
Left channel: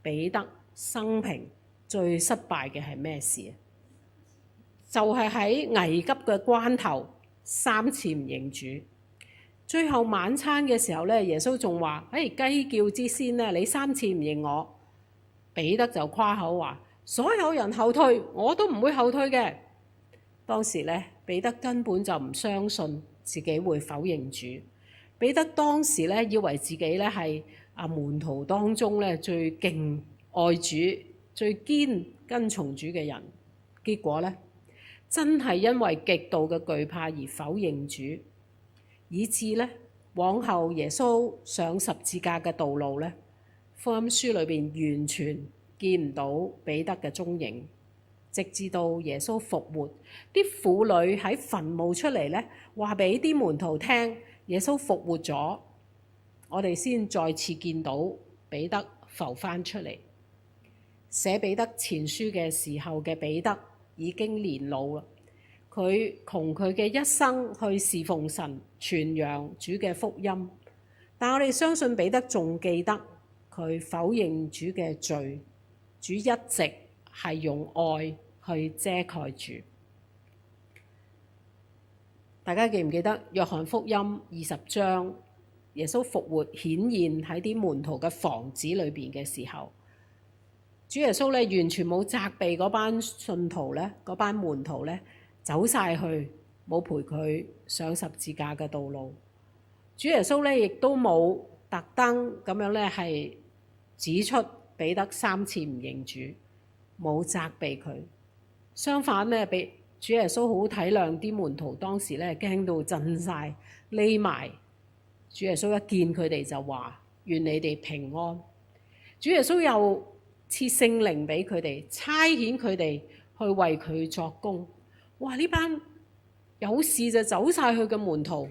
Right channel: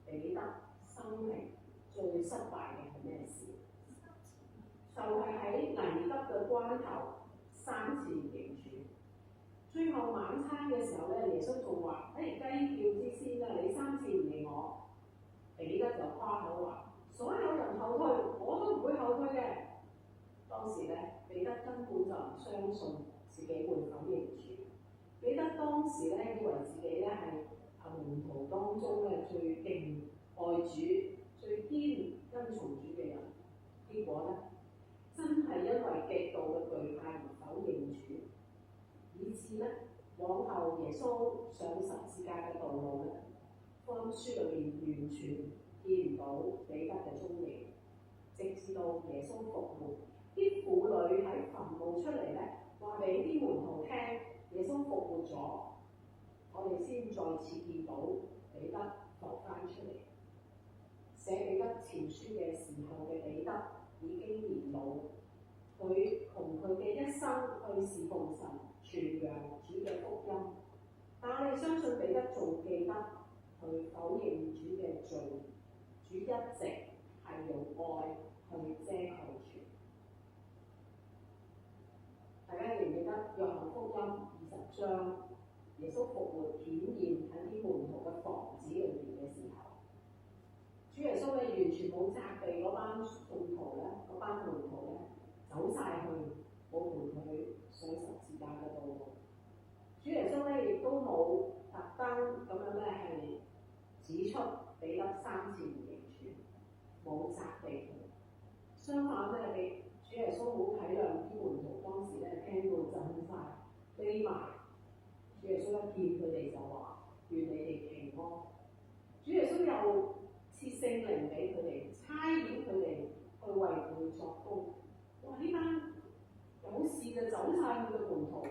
彼得生平最失敗嘅係咩事？就係喺危急嘅關頭3次唔認主。最後晚餐嘅時候咧，耶穌仲話：雞叫之先咧，你3次唔認我。彼得就誇口話：所有人後退，我都唔會後退嘅。當時咧，彼得根本就唔相信自己會否認主。彼得當時咧，以為自己咧係門徒當中咧最勁愛主、最堅跟從主嘅人。結果咧，真係因為極度嘅懼怕而否認主，以致咧往後耶穌上十字架嘅道路咧，福音書裏邊完全見唔到彼得嘅蹤影。直至到耶穌復活，啲婦女喺墳墓出嚟咧，話俾啲門徒聽，耶穌復活咗，我哋先再次見到彼得浮翻出嚟。寫彼得前書嘅時候嘅彼得已經年老啦，佢窮佢嘅一生去侍奉神，傳揚主嘅福音。但我哋相信彼得仲記得佢否認主嘅罪，主一直係用愛去遮蓋住。大家記唔記得約翰福音20章，耶穌復活顯現喺啲門徒嘅房子裏邊嘅時候，主耶穌咧完全冇責備嗰班信徒咧，嗰班門徒咧走晒去，冇陪佢上十字架嘅道路。主耶穌咧亦都冇特登咁樣咧係指出彼得3次唔認主，冇責備佢。相反咧，俾主耶穌好體諒啲門徒當時咧驚到震晒，匿埋。主耶穌一見佢哋就話：願你哋平安。主耶穌又賜聖靈俾佢哋，差遣佢哋去為佢作工。哇！呢班有事就走晒去嘅門徒，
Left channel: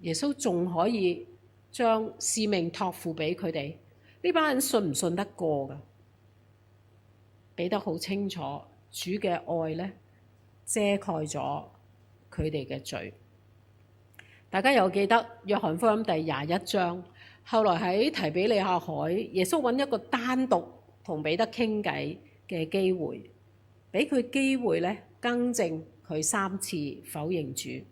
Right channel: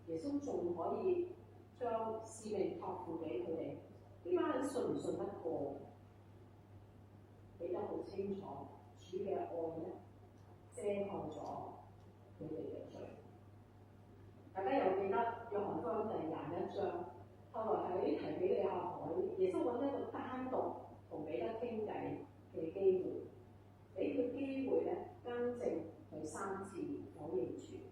耶穌仲可以將使命託付俾佢哋。呢班人信唔信得過㗎？彼得好清楚，主嘅愛咧遮蓋咗佢哋嘅罪。大家有記得約翰福音第21章，後來喺提比利亞海，耶穌揾一個單獨同彼得傾偈嘅機會，俾佢機會咧更正佢3次否認主。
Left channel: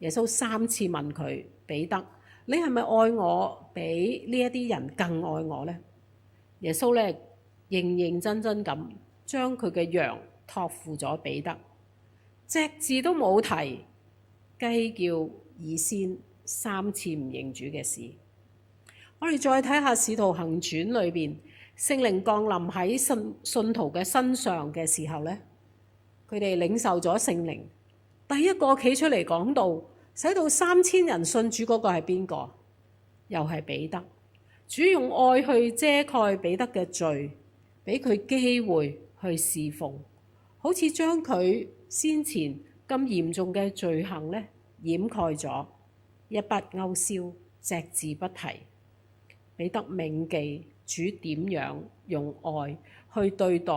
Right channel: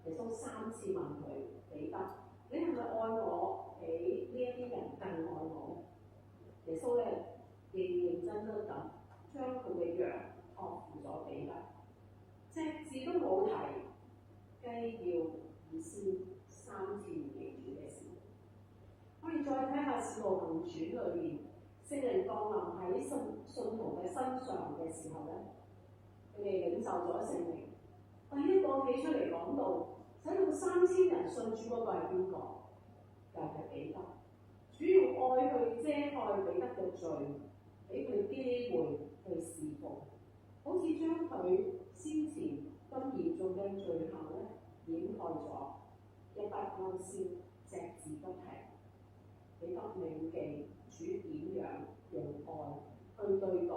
耶穌3次問佢：彼得，你係咪愛我比呢一啲人更愛我呢？耶穌咧認認真真咁將佢嘅羊託付咗彼得，隻字都冇提雞叫以先3次唔認主嘅事。我哋再睇下《使徒行傳》裏邊，聖靈降臨喺信徒嘅身上嘅時候咧，佢哋領受咗聖靈，第一個企出嚟講道，使到3000人信主嗰個係邊個？又係彼得。主用愛去遮蓋彼得嘅罪，俾佢機會去侍奉，好似將佢先前咁嚴重嘅罪行咧掩蓋咗，一筆勾銷，隻字不提。彼得銘記主點樣用愛去對待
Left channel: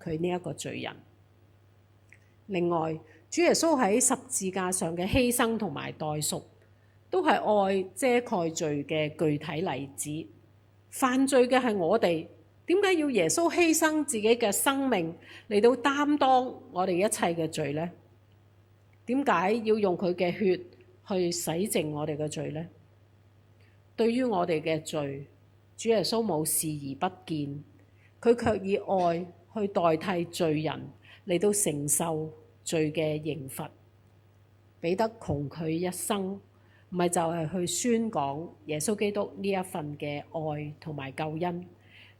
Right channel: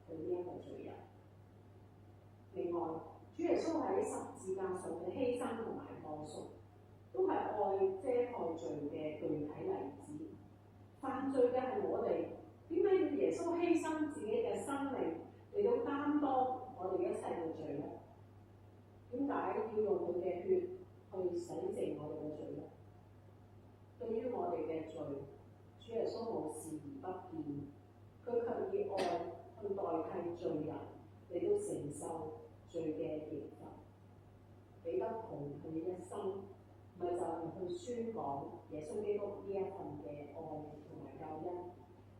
佢呢一個罪人。另外，主耶穌喺十字架上嘅犧牲同埋代贖，都係愛遮蓋罪嘅具體例子。犯罪嘅係我哋，點解要耶穌犧牲自己嘅生命嚟到擔當我哋一切嘅罪呢？點解要用佢嘅血去洗淨我哋嘅罪呢？對於我哋嘅罪，主耶穌冇視而不見，佢卻以愛去代替罪人嚟到承受罪嘅刑罰。彼得窮佢一生，唔係就係去宣講耶穌基督呢一份嘅愛同埋救恩，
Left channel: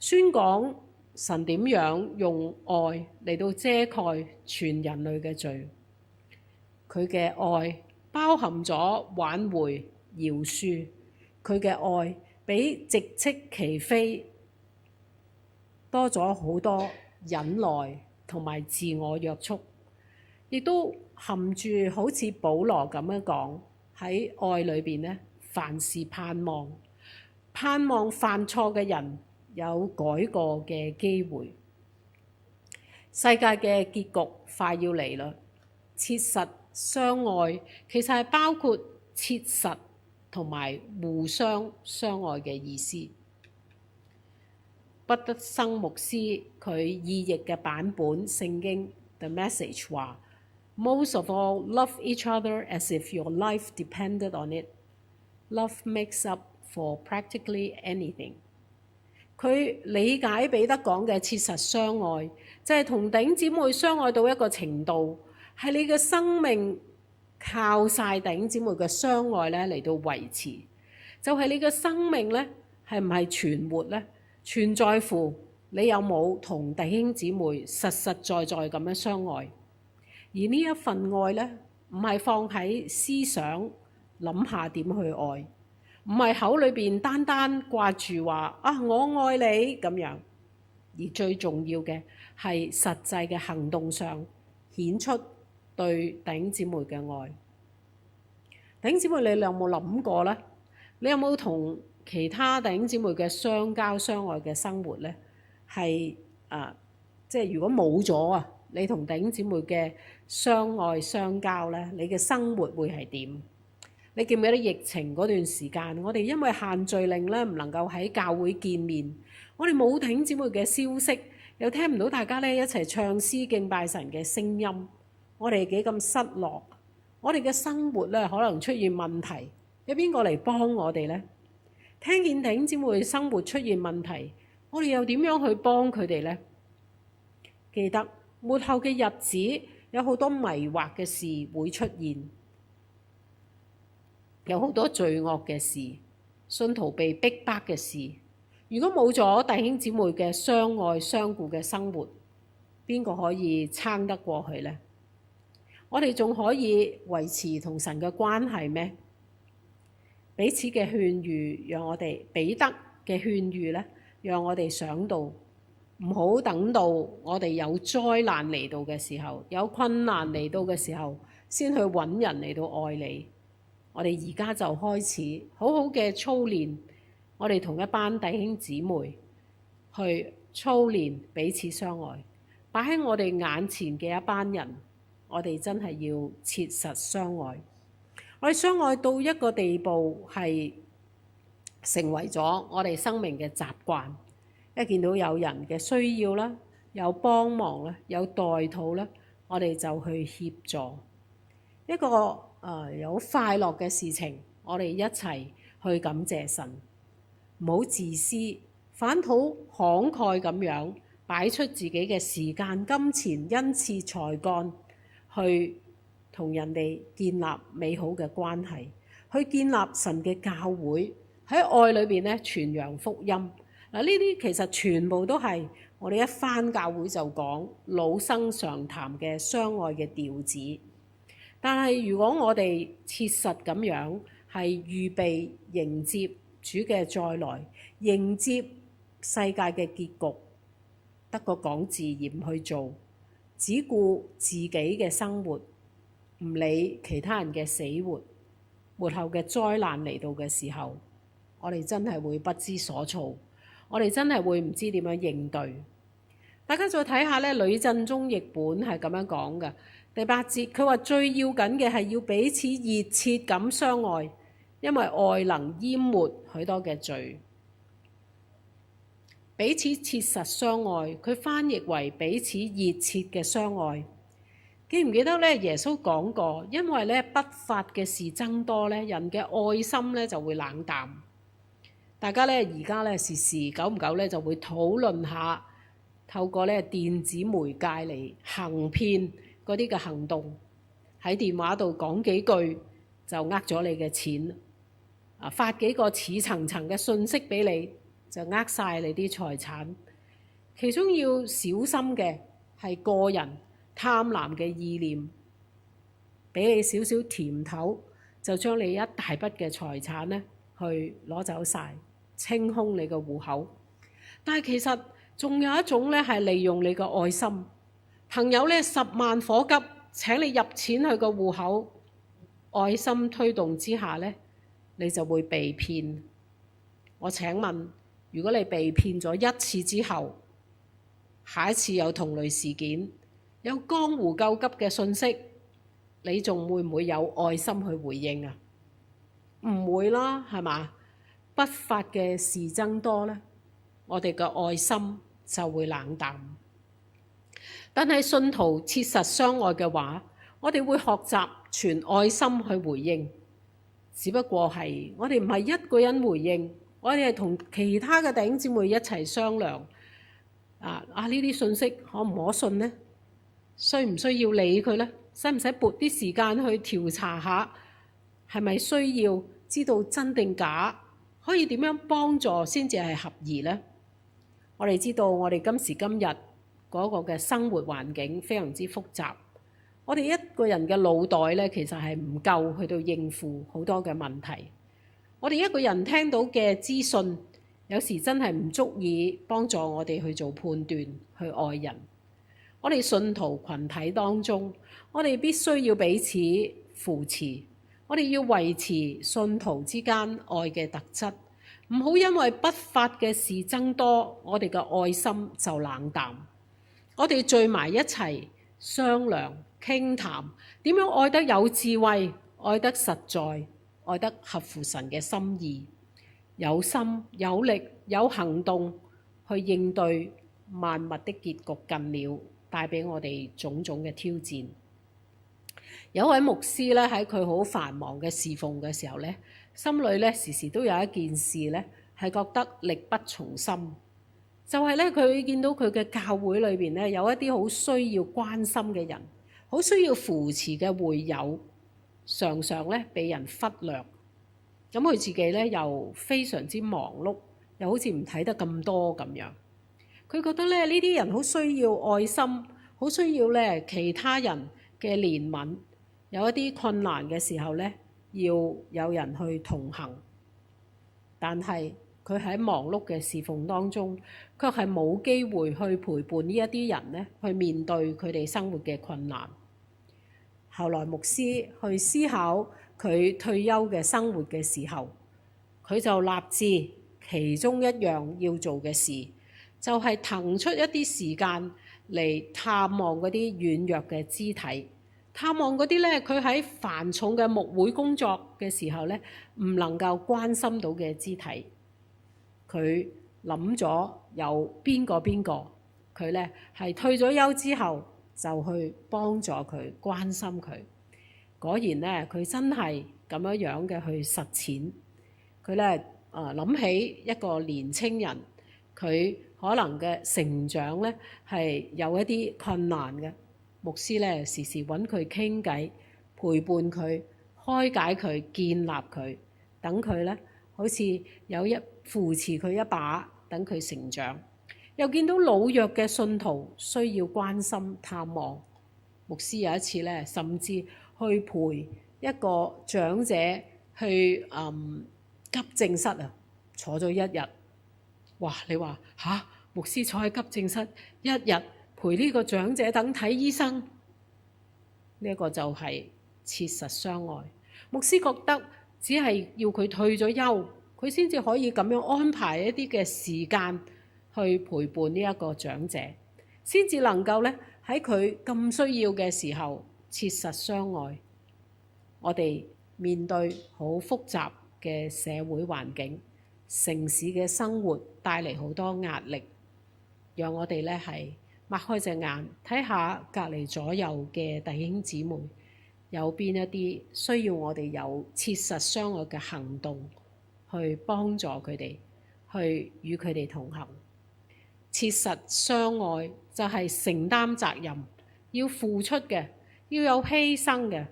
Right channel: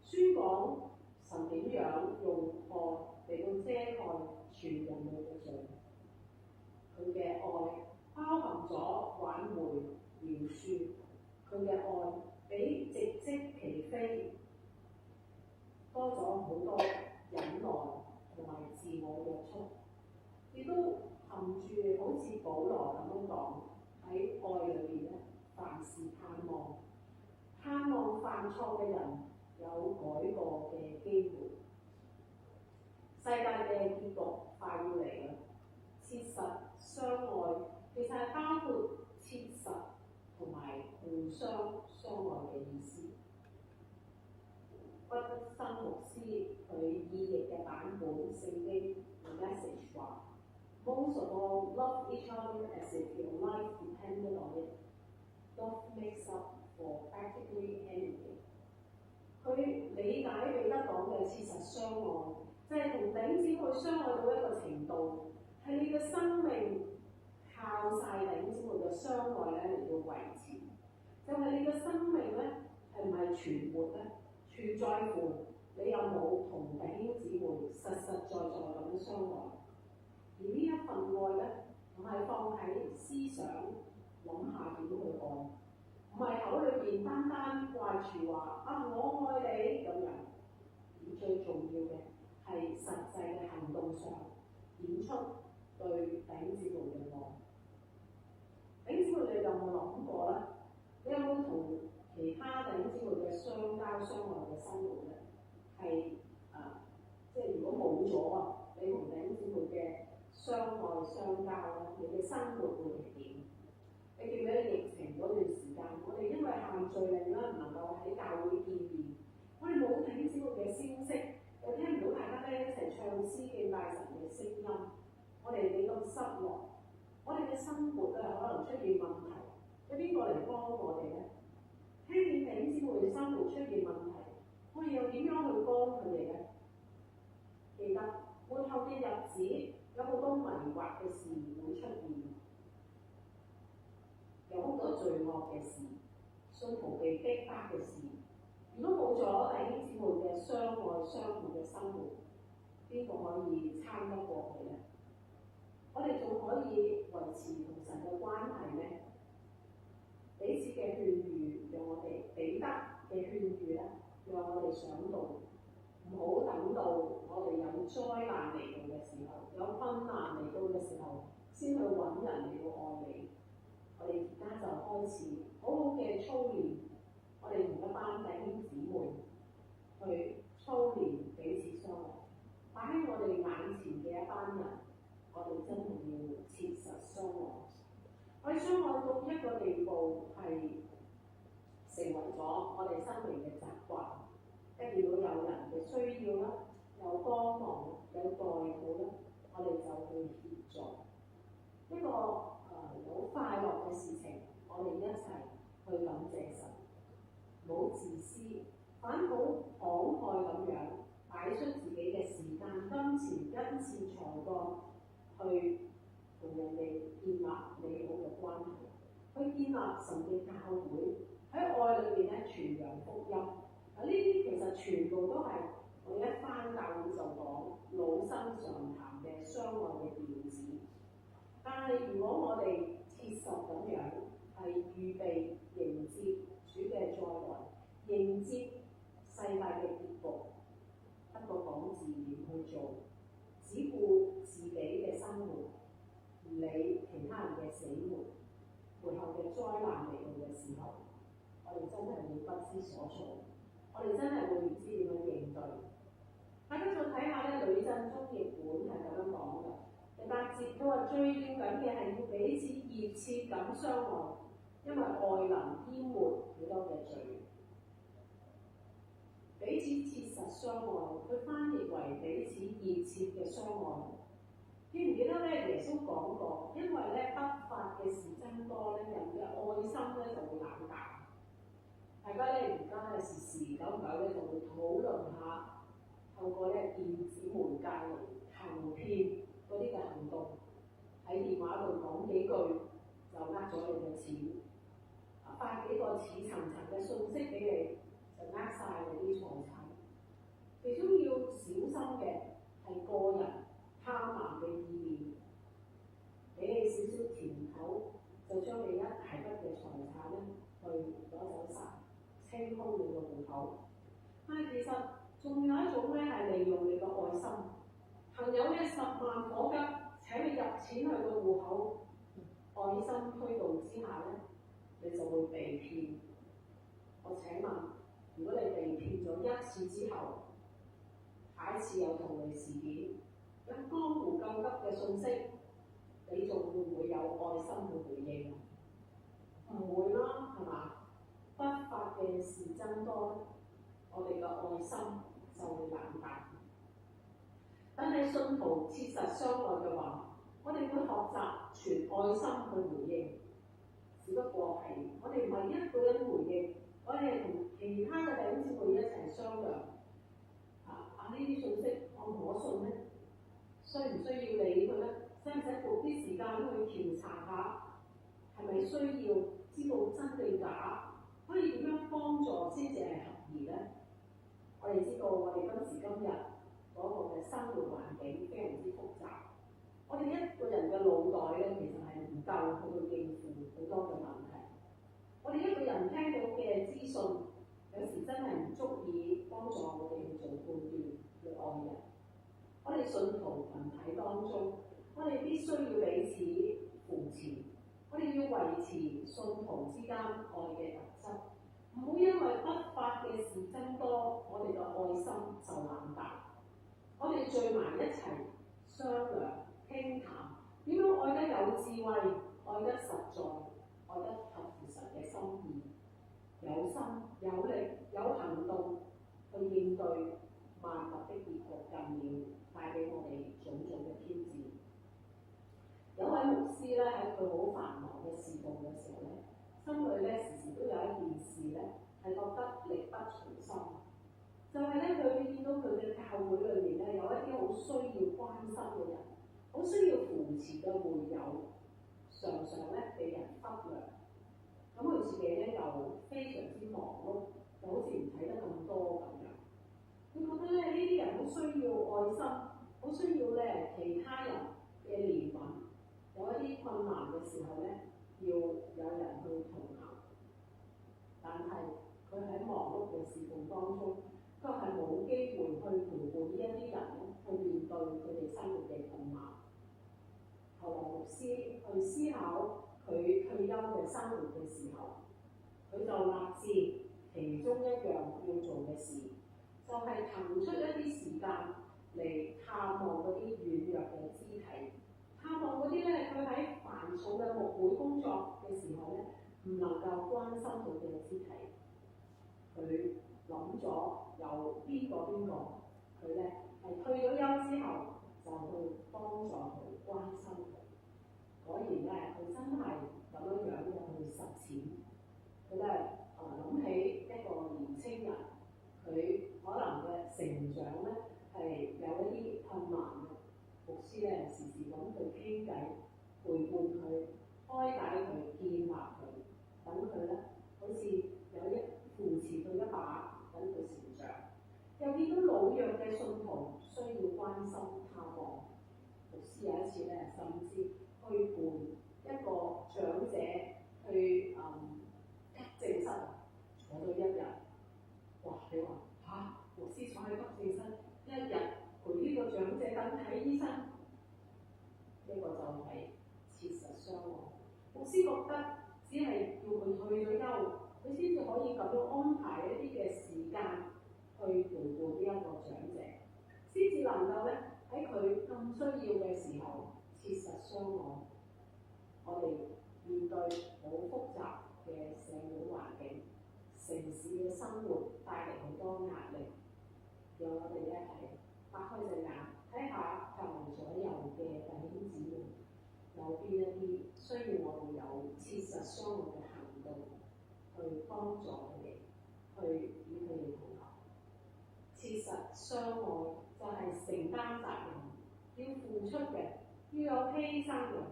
宣講神點樣用愛嚟到遮蓋全人類嘅罪。佢嘅愛包含咗挽回、饒恕，佢嘅愛比直斥其非多咗好多忍耐同埋自我約束，亦都含住好似保羅咁樣講，喺愛裏邊咧，凡事盼望，盼望犯錯嘅人有改過嘅機會。世界嘅結局快要嚟啦，切實相愛其實係包括切實同埋互相相愛嘅意思。畢德生牧師佢意譯嘅版本聖經 The Message 話：Most of all, love each other as if your life depended on it. Love makes up for practically anything. 佢理解彼得講嘅切實相愛，就係同弟兄姊妹相愛到一個程度，係你嘅生命靠晒弟兄姊妹嘅相愛咧嚟到維持。就係你嘅生命咧係唔係存活咧，全在乎你有冇同弟兄姊妹實實在在咁樣相愛。而呢一份愛咧，唔係放喺思想諗下點去愛，唔係口裏邊單單掛住話啊我愛你咁樣，而最重要嘅係實際嘅行動上顯出對弟兄姊妹嘅愛。弟兄姊妹，你有冇諗過咧？你有冇同其他弟兄姊妹嘅相交相愛嘅生活咧？係即係如果冇咗啊，你同弟兄姊妹嘅相愛相交呢，你嘅生活會係點？你記唔記得疫情嗰段時間，我哋因為限聚令呢，唔能夠喺教會見面，我哋冇弟兄姊妹嘅消息，又聽唔到大家呢一齊唱詩敬拜神嘅聲音，我哋幾咁失落，我哋嘅生活呢，可能出現問題，有邊個嚟幫我哋呢？聽見弟兄姊妹生活出現問題，我哋又點樣去幫佢哋呢？記得末後嘅日子有好多迷惑嘅事會出現，有好多罪惡嘅事，信徒被逼迫嘅事。如果冇咗弟兄姊妹嘅相愛相顧嘅生活，邊個可以撐得過去呢？我哋仲可以維持同神嘅關係咩？彼此嘅勸喻，讓我哋彼得嘅勸喻呢，讓我哋想到唔好等到我哋有災難嚟到嘅時候，有困難嚟到嘅時候，先去揾人嚟到愛你。我哋而家就開始好好嘅操練，我哋同一班弟兄姊妹去操練彼此相愛，擺喺我哋眼前嘅一班人，我哋真係要切實相愛。我哋相愛到一個地步，係成為咗我哋生命嘅習慣。一見到有人嘅需要啦，有幫忙啦，有代禱啦，我哋就去協助。一個有快樂嘅事情，我哋一齊去感謝神，唔好自私，反討慷慨咁樣擺出自己嘅時間、金錢、恩賜、才幹去同人哋建立美好嘅關係，去建立神嘅教會，喺愛裏邊咧傳揚福音。嗱，呢啲其實全部都係我哋一返教會就講老生常談嘅相愛嘅調子。但係如果我哋切實咁樣係預備迎接主嘅再來，迎接世界嘅結局，得個講字而唔去做，只顧自己嘅生活，唔理其他人嘅死活，末後嘅災難嚟到嘅時候，我哋真係會不知所措，我哋真係會唔知點樣應對。大家再睇下咧，呂振中譯本係咁樣講嘅，第8節，佢話最要緊嘅係要彼此熱切咁相愛，因為愛能淹沒許多嘅罪。彼此切實相愛，佢翻譯為彼此熱切嘅相愛。記唔記得咧？耶穌講過，因為咧不法嘅事增多咧，人嘅愛心咧就會冷淡。大家咧而家咧時時久唔久咧就會討論下，透過咧電子媒介嚟行騙嗰啲嘅行動，喺電話度講幾句就呃咗你嘅錢，發幾個似層層嘅信息俾你，就呃晒你啲財產。其中要小心嘅係個人貪婪嘅意念，俾你少少甜頭，就將你一大筆嘅財產咧去攞走晒，清空你個戶口。但係其實仲有一種咧係利用你個愛心，朋友咧10萬火急請你入錢去個戶口，愛心推動之下咧，你就會被騙。我請問，如果你被騙咗一次之後，下一次有同類事件，有江湖救急嘅信息，你仲會唔會有愛心去回應啊？唔會啦，係嘛？不法嘅事增多咧，我哋嘅愛心就會冷淡。但係信徒切實相愛嘅話，我哋會學習全愛心去回應。只不過係我哋唔係一個人回應，我哋係同其他嘅弟兄姊妹一齊商量。呢啲信息可唔可信呢？需唔需要理佢呢？使唔使撥啲時間去調查下，係咪需要知道真定假？可以點樣幫助先至係合宜呢？我哋知道我哋今時今日嗰個嘅生活環境非常之複雜，我哋一個人嘅腦袋咧其實係唔夠去到應付好多嘅問題。我哋一個人聽到嘅資訊，有時真係唔足以幫助我哋去做判斷，去愛人。我哋信徒群體當中，我哋必須要彼此扶持，我哋要維持信徒之間愛嘅特質，唔好因為不法嘅事增多，我哋嘅愛心就冷淡。我哋聚埋一齊商量，傾談，點樣愛得有智慧，愛得實在，愛得合乎神嘅心意，有心有力有行動去應對萬物的結局近了，帶俾我哋種種嘅挑戰。有位牧師咧，喺佢好繁忙嘅侍奉嘅時候咧，心裏咧時時都有一件事咧係覺得力不從心，就係咧佢見到佢嘅教會裏邊咧有一啲好需要關心嘅人，好需要扶持嘅會友，常常咧被人忽略。咁佢自己咧又非常之忙碌，又好似唔睇得咁多咁樣。佢覺得咧呢啲人好需要愛心，好需要咧其他人嘅憐憫。有一啲困難嘅時候咧，要有人去同行。但係佢喺忙碌嘅侍奉當中，卻係冇機會去陪伴呢一啲人咧，去面對佢哋生活嘅困難。後來牧師去思考佢退休嘅生活嘅時候，佢就立志其中一樣要做嘅事，就係騰出一啲時間嚟探望嗰啲軟弱嘅肢體，探望嗰啲咧佢喺繁重嘅牧會工作嘅時候咧唔能夠關心到嘅肢體。佢諗咗有邊個，佢咧係退咗休之後就去幫助佢，關心佢。果然咧，佢真係咁樣嘅去實踐。佢咧諗起一個年青人，佢可能嘅成長咧係有一啲困難嘅。牧師咧時時揾佢傾偈，陪伴佢，開解佢，建立佢，等佢咧好似有一扶持佢一把，等佢成長。又見到老弱嘅信徒需要關心探望，牧師有一次咧甚至去陪一個長者去急症室啊，坐咗一日。哇！你話吓，牧師坐喺急症室一日陪呢個長者等睇醫生，呢一個就係切實相愛。牧師覺得只係要佢退咗休，佢先至可以咁樣安排一啲嘅時間去陪伴呢一個長者，先至能夠咧喺佢咁需要嘅時候切實相愛。我哋面對好複雜嘅社會環境，城市嘅生活帶嚟好多壓力，讓我哋咧係擘開隻眼睇下隔離左右嘅弟兄姊妹，有邊一啲需要我哋有切實相愛嘅行動去幫助佢哋，去與佢哋同行。切實相愛就係承擔責任，要付出嘅，要有犧牲嘅。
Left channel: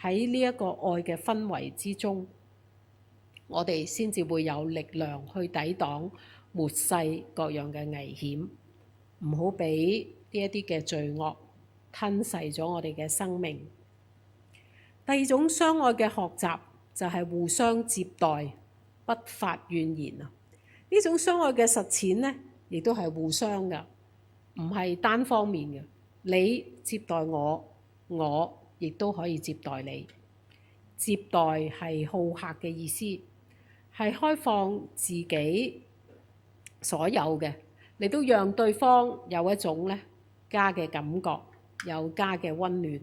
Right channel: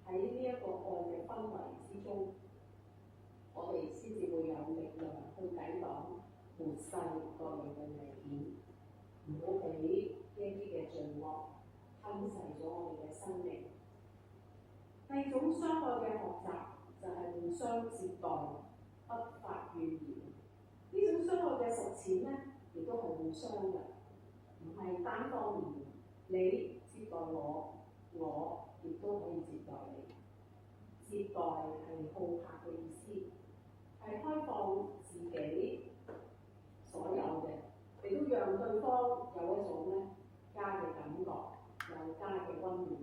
喺呢一個愛嘅氛圍之中，我哋先至會有力量去抵擋末世各樣嘅危險，唔好俾呢一啲嘅罪惡吞噬咗我哋嘅生命。第二種相愛嘅學習就係互相接待，不發怨言啊！呢種相愛嘅實踐呢，亦都係互相嘅，唔係單方面嘅。你接待我，我亦都可以接待你。接待係好客嘅意思，係開放自己所有嘅，你都讓對方有一種咧家嘅感覺，有家嘅溫暖。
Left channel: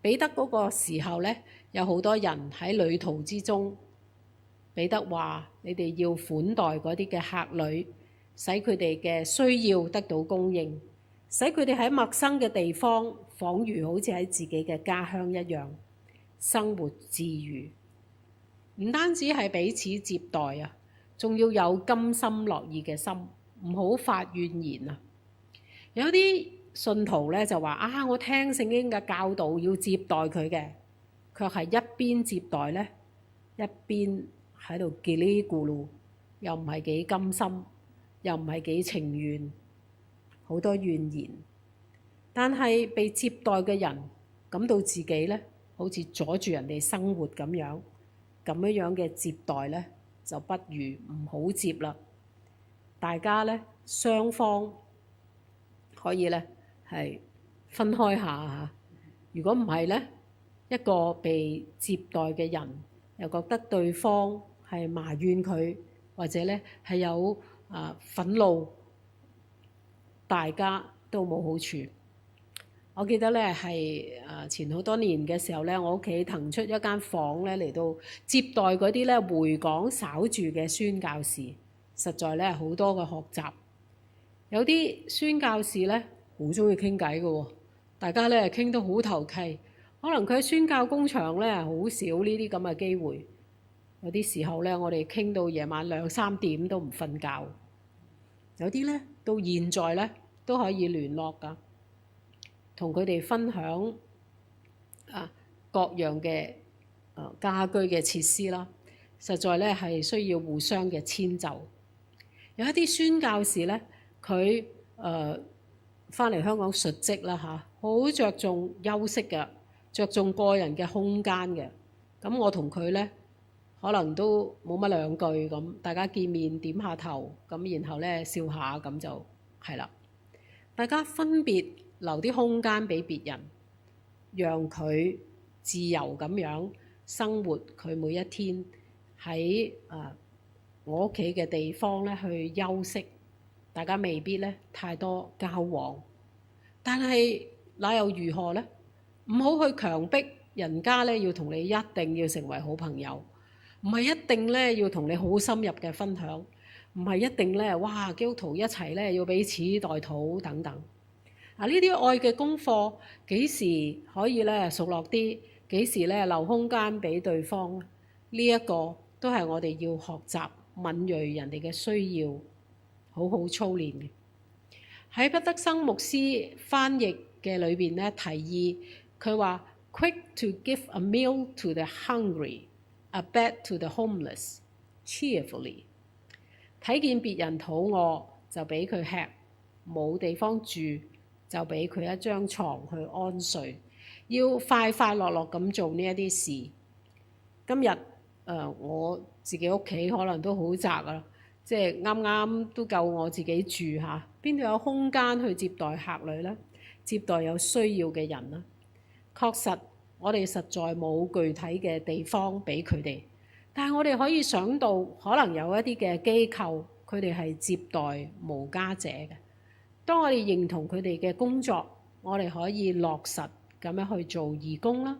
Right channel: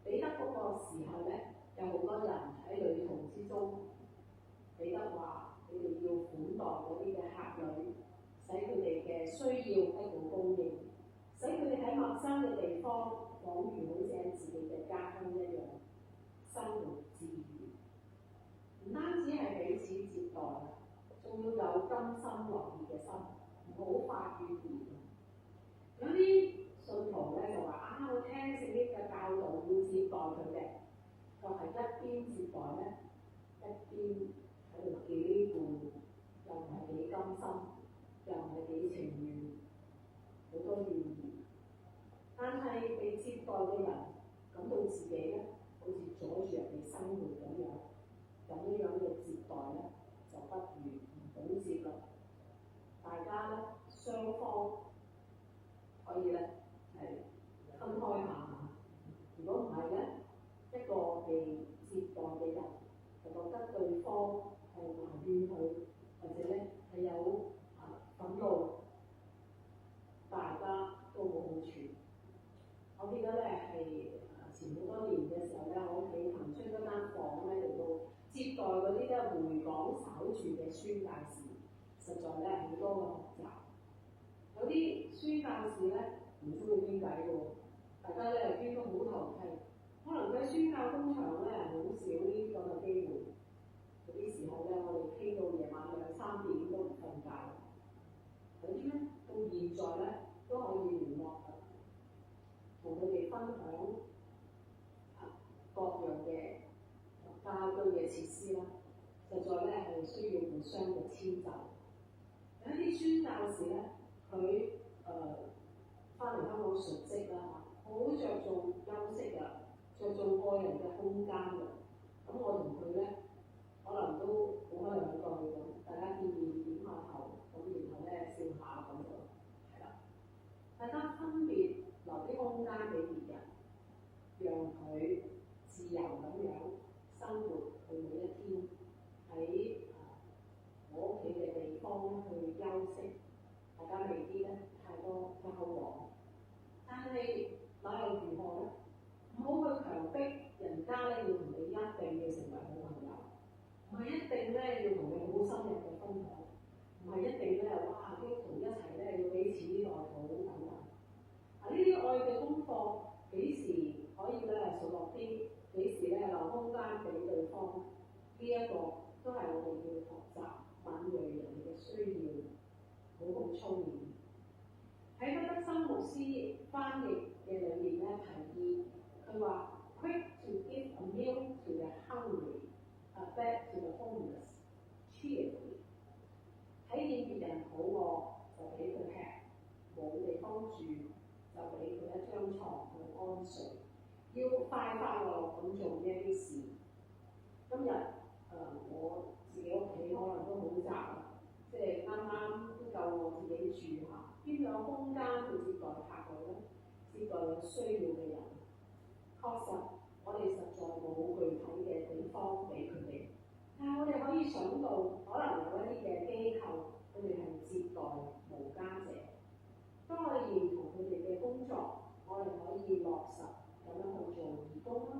彼得嗰個時候咧，有好多人喺旅途之中，彼得話：你哋要款待嗰啲嘅客旅，使佢哋嘅需要得到供應，使佢哋喺陌生嘅地方，彷如好似喺自己嘅家鄉一樣生活自如。唔單止係彼此接待啊，仲要有甘心樂意嘅心，唔好發怨言啊！有啲信徒咧就話：啊，我聽聖經嘅教導要接待佢嘅，卻係一邊接待咧，一邊喺度嘰哩咕嚕，又唔係幾甘心，又唔係幾情願，好多怨言。但係被接待嘅人感到自己咧，好似阻住人哋生活咁樣嘅接待咧，就不如唔好接啦。大家咧雙方可以咧係分開下嚇。如果唔係咧，一個被接待嘅人又覺得對方係埋怨佢，或者咧係有憤怒，大家都冇好處。我記得咧係前好多年嘅時候咧，我屋企騰出一間房咧嚟到接待嗰啲咧回港稍住嘅宣教士，實在咧好多嘅學習。有啲宣教士咧好中意傾偈嘅喎，大家咧傾得好投契。可能佢喺宣教工場咧好少呢啲咁嘅機會。有啲時候咧，我哋傾到夜晚2、3點都唔瞓覺。有啲咧到現在咧都可以聯絡㗎。同佢哋分享各樣嘅家居嘅設施啦，實在咧係需要互相嘅遷就。有一啲宣教士咧，佢翻嚟香港述職啦嚇，好着重休息嘅，着重個人嘅空間嘅。咁我同佢咧可能都冇乜兩句咁，大家見面點下頭，咁然後咧笑下咁就係啦。大家分別留啲空間俾別人，讓佢自由咁樣生活佢每一天喺我屋企嘅地方咧去休息。大家未必咧太多交往，但係那又如何呢？唔好去強迫人家咧要同你一定要成為好朋友，唔係一定咧要同你好深入嘅分享，唔係一定咧哇基督徒一齊咧要彼此代禱等等。呢啲愛嘅功課幾時可以咧熟絡啲？幾時咧留空間俾對方？呢一個都係我哋要學習敏鋭人哋嘅需要，好好操練嘅。喺畢德生牧師翻譯嘅裏邊咧，提議佢話：Quick to give a meal to the hungry, a bed to the homeless, cheerfully。睇見別人肚餓就俾佢吃，冇地方住就俾佢一張床去安睡，要快快樂樂咁做呢一啲事。今日我自己屋企可能都好窄啊，即係啱啱都夠我自己住嚇，邊度有空間去接待客旅呢？接待有需要嘅人呢？確實我哋實在冇具體嘅地方俾佢哋，但係我哋可以想到，可能有一啲嘅機構，佢哋係接待無家者嘅。當我哋認同佢哋嘅工作，我哋可以落實咁樣去做義工啦，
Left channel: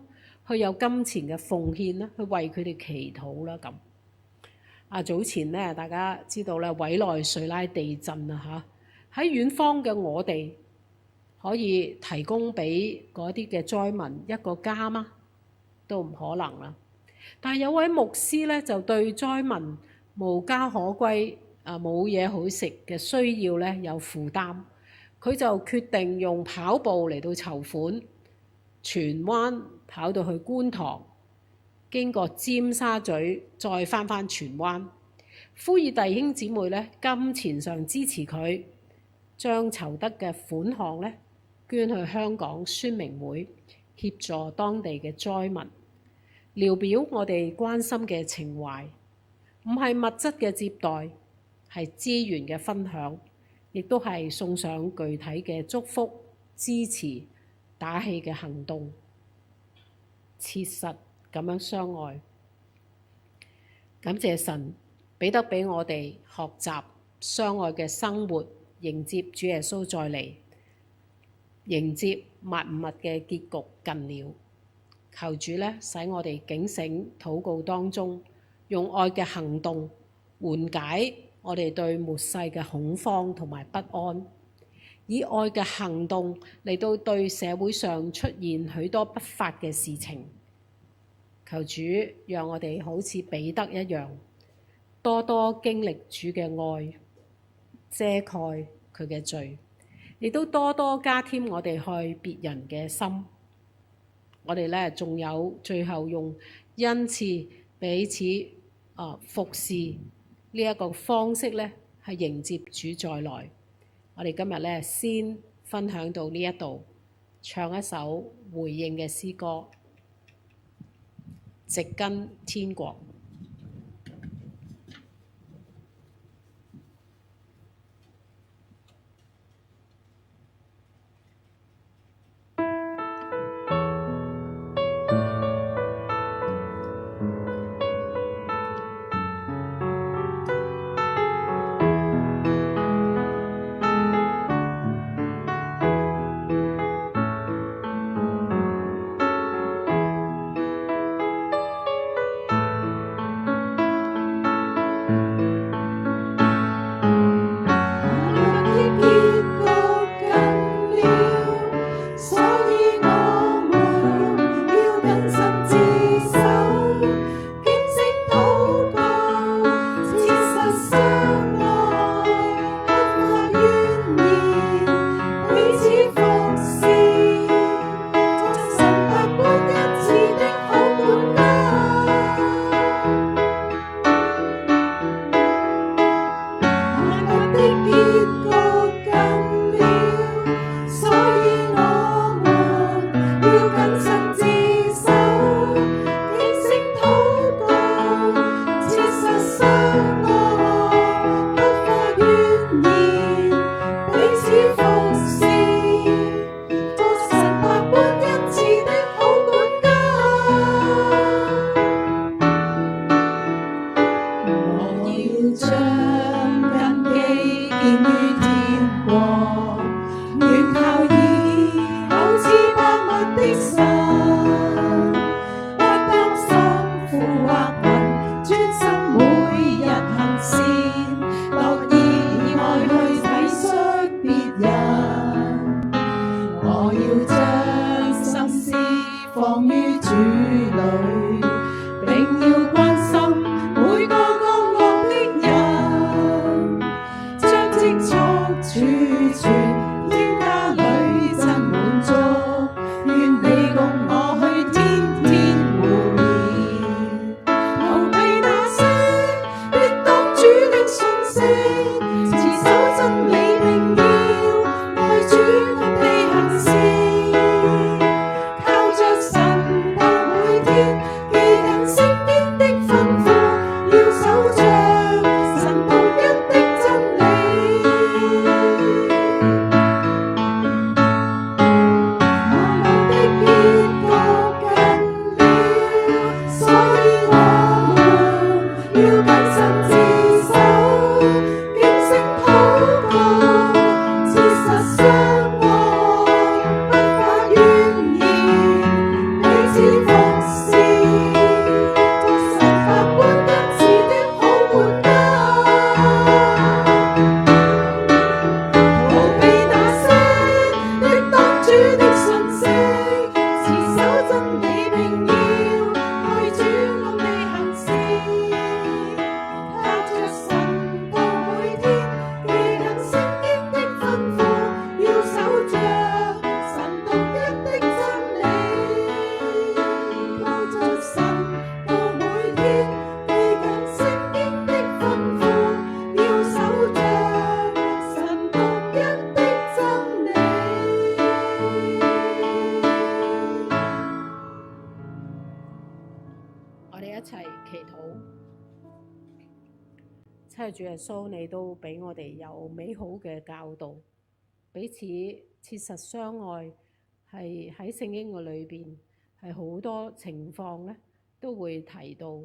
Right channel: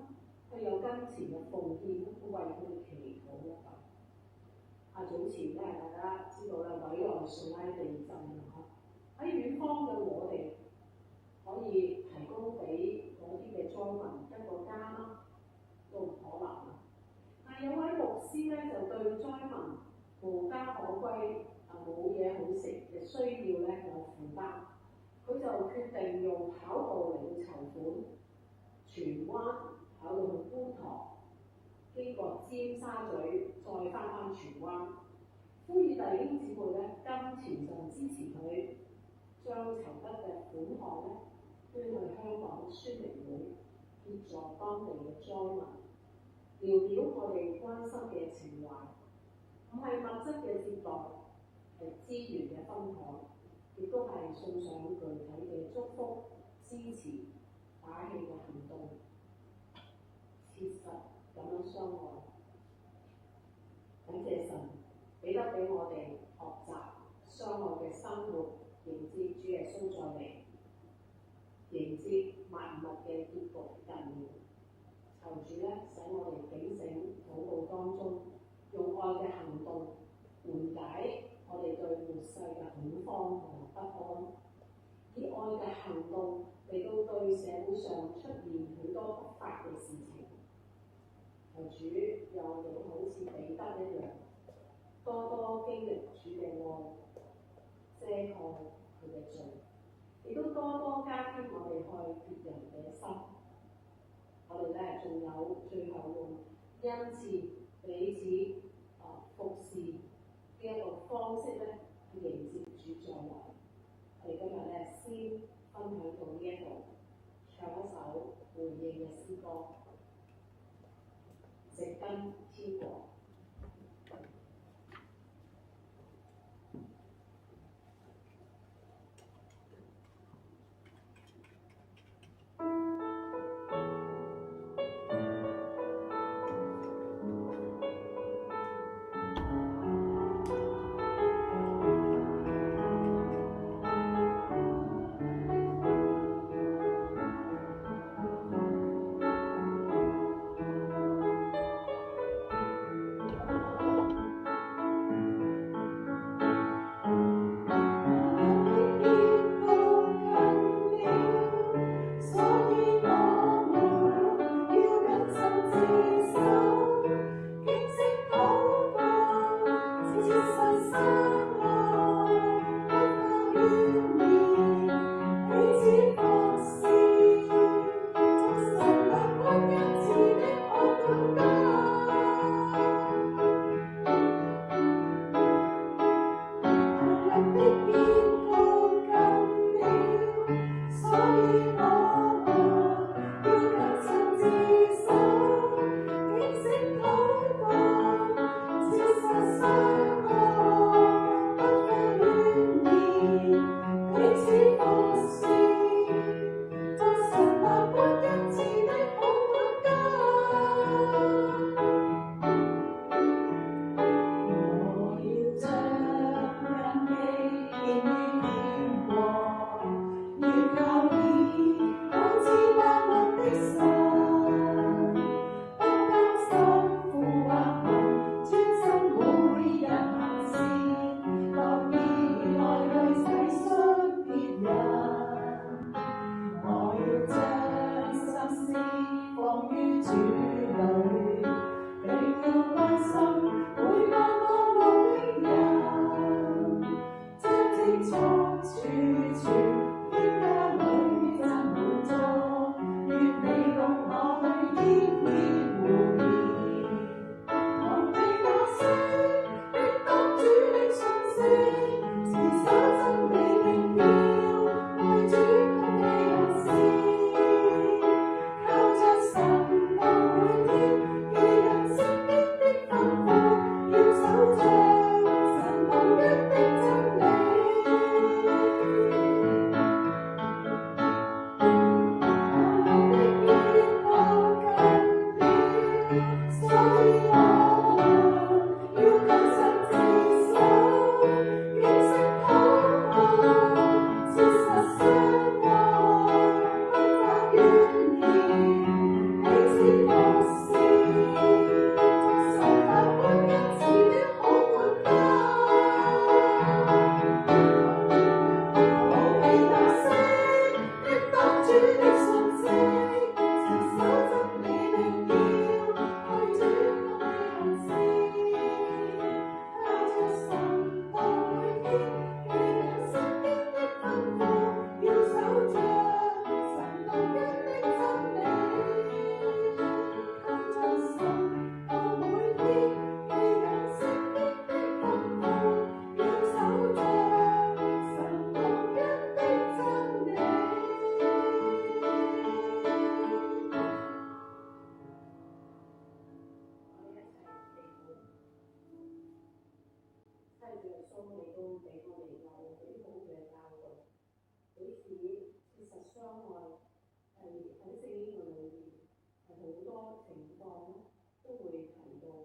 去有金錢嘅奉獻啦，去為佢哋祈禱啦咁。早前咧，大家知道咧，委內瑞拉地震啊嚇，喺遠方嘅我哋可以提供俾嗰啲嘅災民一個家嗎？都唔可能啦。但係有位牧師咧，就對災民無家可歸冇嘢好食嘅需要咧有負擔。佢就決定用跑步嚟到籌款，荃灣跑到去觀塘，經過尖沙咀，再返荃灣，呼籲弟兄姊妹咧金錢上支持佢，將籌得嘅款項咧捐去香港宣明會，協助當地嘅災民，聊表我哋關心嘅情懷，唔係物質嘅接待，係資源嘅分享。亦都係送上具體嘅祝福、支持、打氣嘅行動，切實咁樣相愛。感謝神俾得俾我哋學習相愛嘅生活，迎接主耶穌再嚟，迎接萬物嘅結局近了。求主咧使我哋警醒禱告當中，用愛嘅行動緩解我哋對末世嘅恐慌同埋不安，以愛嘅行動嚟到對社會上出現許多不法嘅事情。求主讓我哋好似彼得一樣，多多經歷主嘅愛，遮蓋佢嘅罪，亦都多多加添我哋愛別人嘅心。我哋咧仲有最後用恩賜彼此服侍呢一個方式咧，係迎接主再來。我哋今日咧先分享到呢一度，唱一首回應嘅詩歌，植根天國。真係主耶穌，你都俾我哋有美好嘅教導，彼此切實相愛，係喺聖經嘅裏邊係好多情況咧都會提到。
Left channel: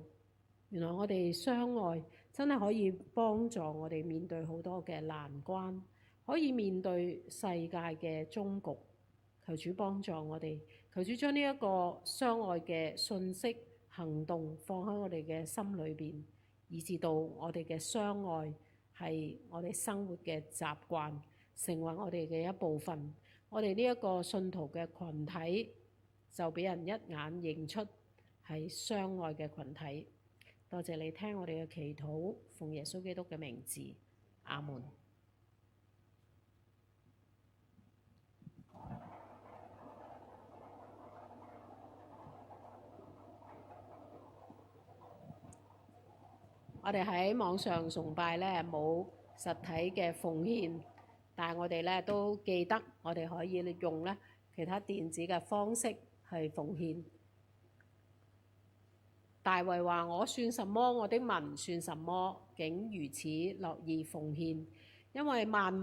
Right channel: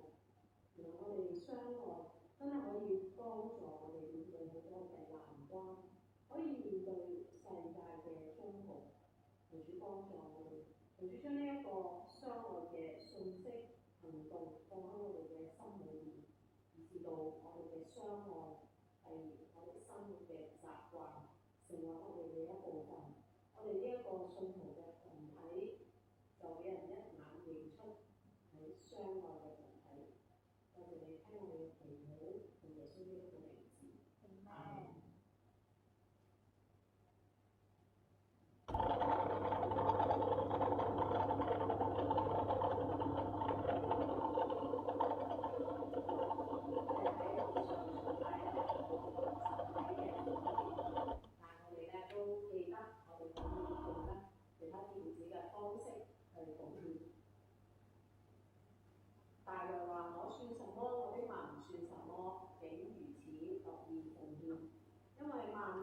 原來我哋相愛真係可以幫助我哋面對好多嘅難關，可以面對世界嘅終局。求主幫助我哋，求主將呢一個相愛嘅信息行動放喺我哋嘅心裏邊，以至到我哋嘅相愛係我哋生活嘅習慣，成為我哋嘅一部分。我哋呢一個信徒嘅群體就俾人一眼認出係相愛嘅群體。多謝你聽我哋嘅祈禱，奉耶穌基督嘅名字，阿門。我哋喺網上崇拜咧冇實體嘅奉獻，但係我哋咧都記得我哋可以用咧其他電子嘅方式去奉獻。大衛話：我算什麼？我的民算什麼？竟如此樂意奉獻，因為萬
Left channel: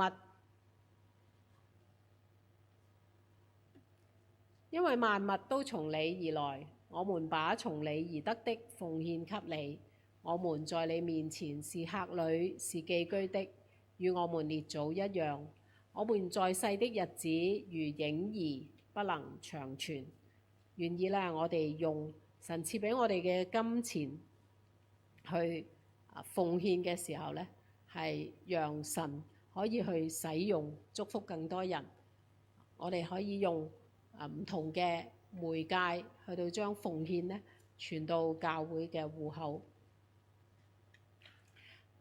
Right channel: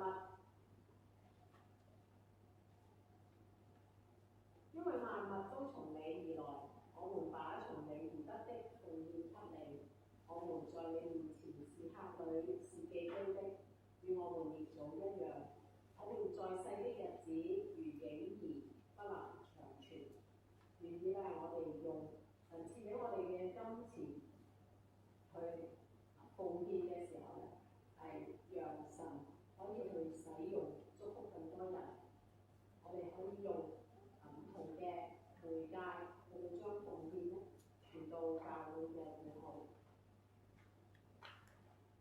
物都從你而來，我們把從你而得的奉獻給你。我們在你面前是客旅，是寄居的，與我們列祖一樣。我們在世的日子如影兒，不能長存。願意咧，我哋用神賜俾我哋嘅金錢去奉獻嘅時候咧，係讓神可以去使用，祝福更多人。我哋可以用唔同嘅媒介去到將奉獻咧傳到教會嘅戶口。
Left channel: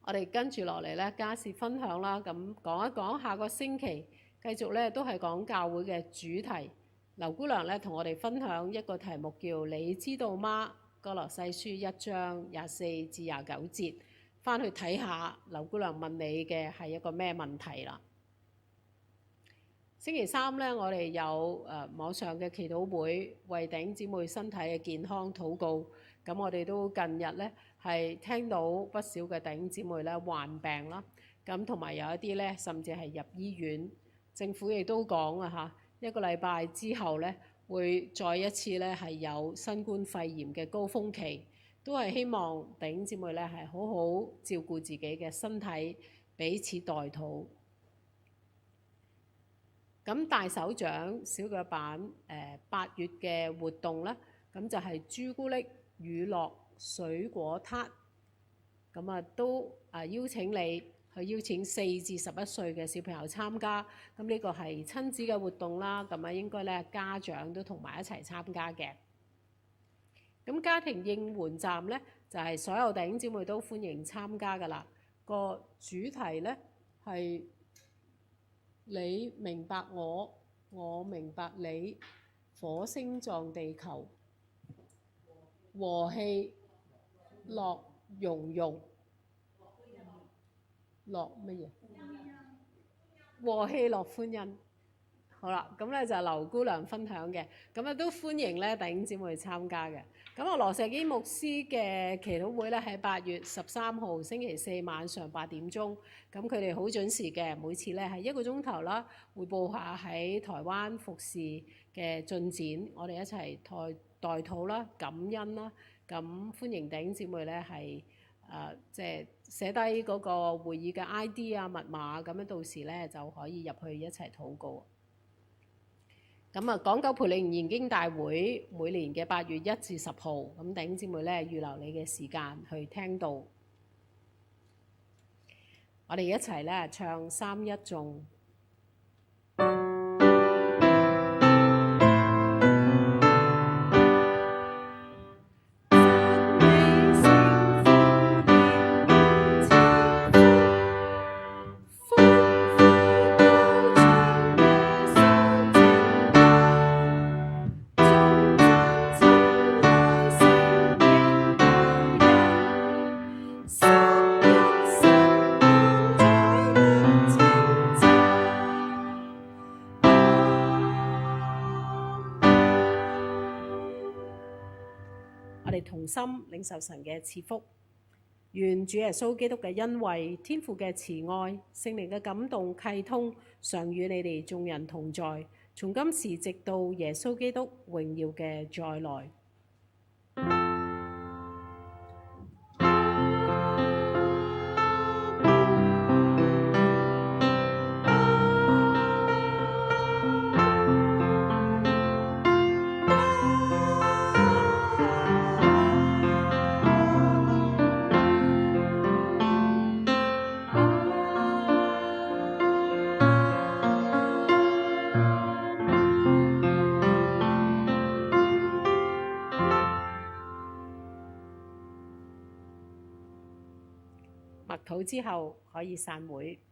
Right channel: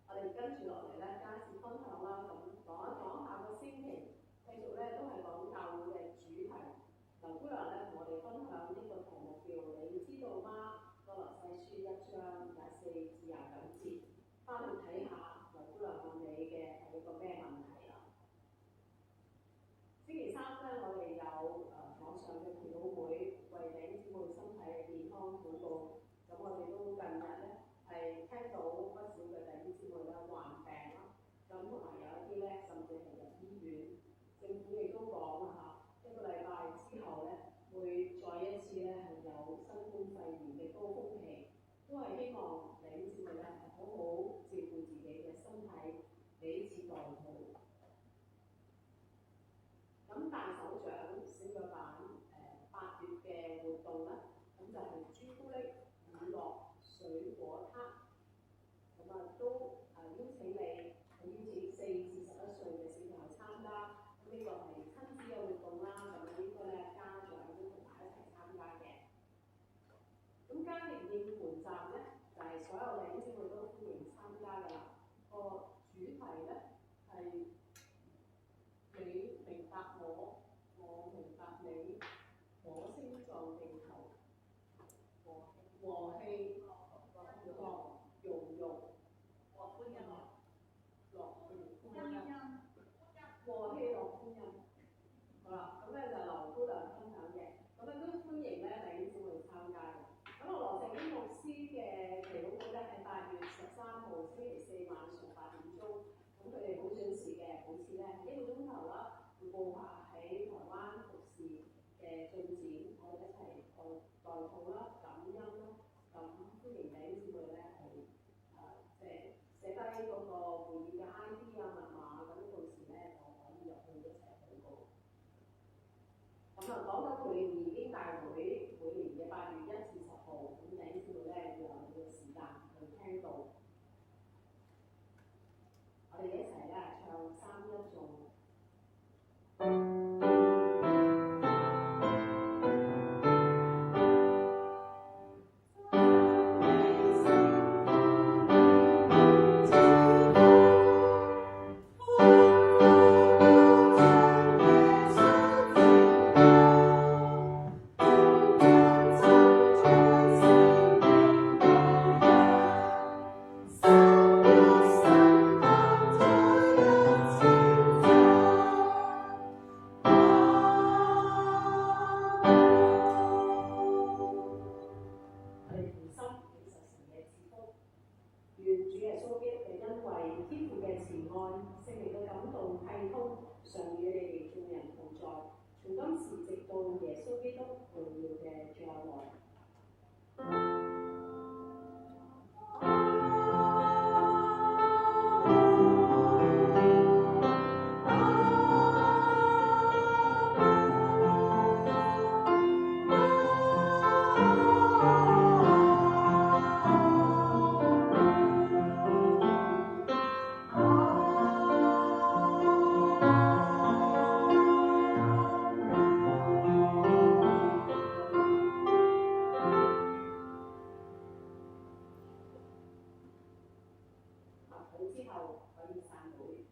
我哋跟住落嚟咧，家事分享啦，咁講一講下個星期繼續咧都係講教會嘅主題。劉姑娘咧同我哋分享一個題目叫你知道嗎？歌羅西書1章24至29節，翻去睇下劉姑娘問你嘅係一個咩問題啦。星期三呢，我哋有網上嘅祈禱會，為弟兄姊妹身體嘅健康禱告。咁我哋都近日呢係聽到不少嘅弟兄姊妹呢患病啦，咁同埋有一啲呢甚至係入醫院。政府亦都講啊嚇，一個禮拜之後呢會再一次呢係有新冠肺炎嘅高峰期，都係希望弟兄姊妹呢係好好照顧自己嘅身體，彼此代禱。咁大手掌小腳板8月嘅活動呢，咁就係朱古力乳酪水果撻，咁啊都邀請你去邀請4至11歲嘅小朋友參加。咁呢個係親子嘅活動啦，咁啊應該咧家長都同埋一齊參加嘅。咁家庭應援站呢，就係所有弟兄姊妹都歡迎參加㗎啦。個主題呢係你明白我，我明白你，火星撞地球，和氣樂融融，樂乜嘢？和氣樂歡欣。好啦，咁咧就係劉姑娘分享嘅，咁啊都歡迎咧弟兄姊妹參加嘅。咁啊羅石基牧師嘅祈禱會咧喺8月13號星期四晚上8點鐘，咁佢哋好準時嘅，每次咧係1個鐘頭啦，匯報下喺台灣服侍嘅進展，我哋一齊代禱啦、感恩啦，咁歡迎弟兄姊妹咧係即係寫低嗰個會議嘅 ID 啊、密碼，咁樣到時咧就可以入去一齊禱告。咁啊，港九培靈研經大會每年嘅8月1至10號，咁弟兄姊妹咧預留你嘅時間去聽道。我哋一齊咧唱3-1頌。同心領受神嘅賜福，願主耶穌基督嘅恩惠、天父嘅慈愛、聖靈嘅感動契通，常與你哋眾人同在，從今時直到耶穌基督榮耀嘅再來。默禱之後可以散會。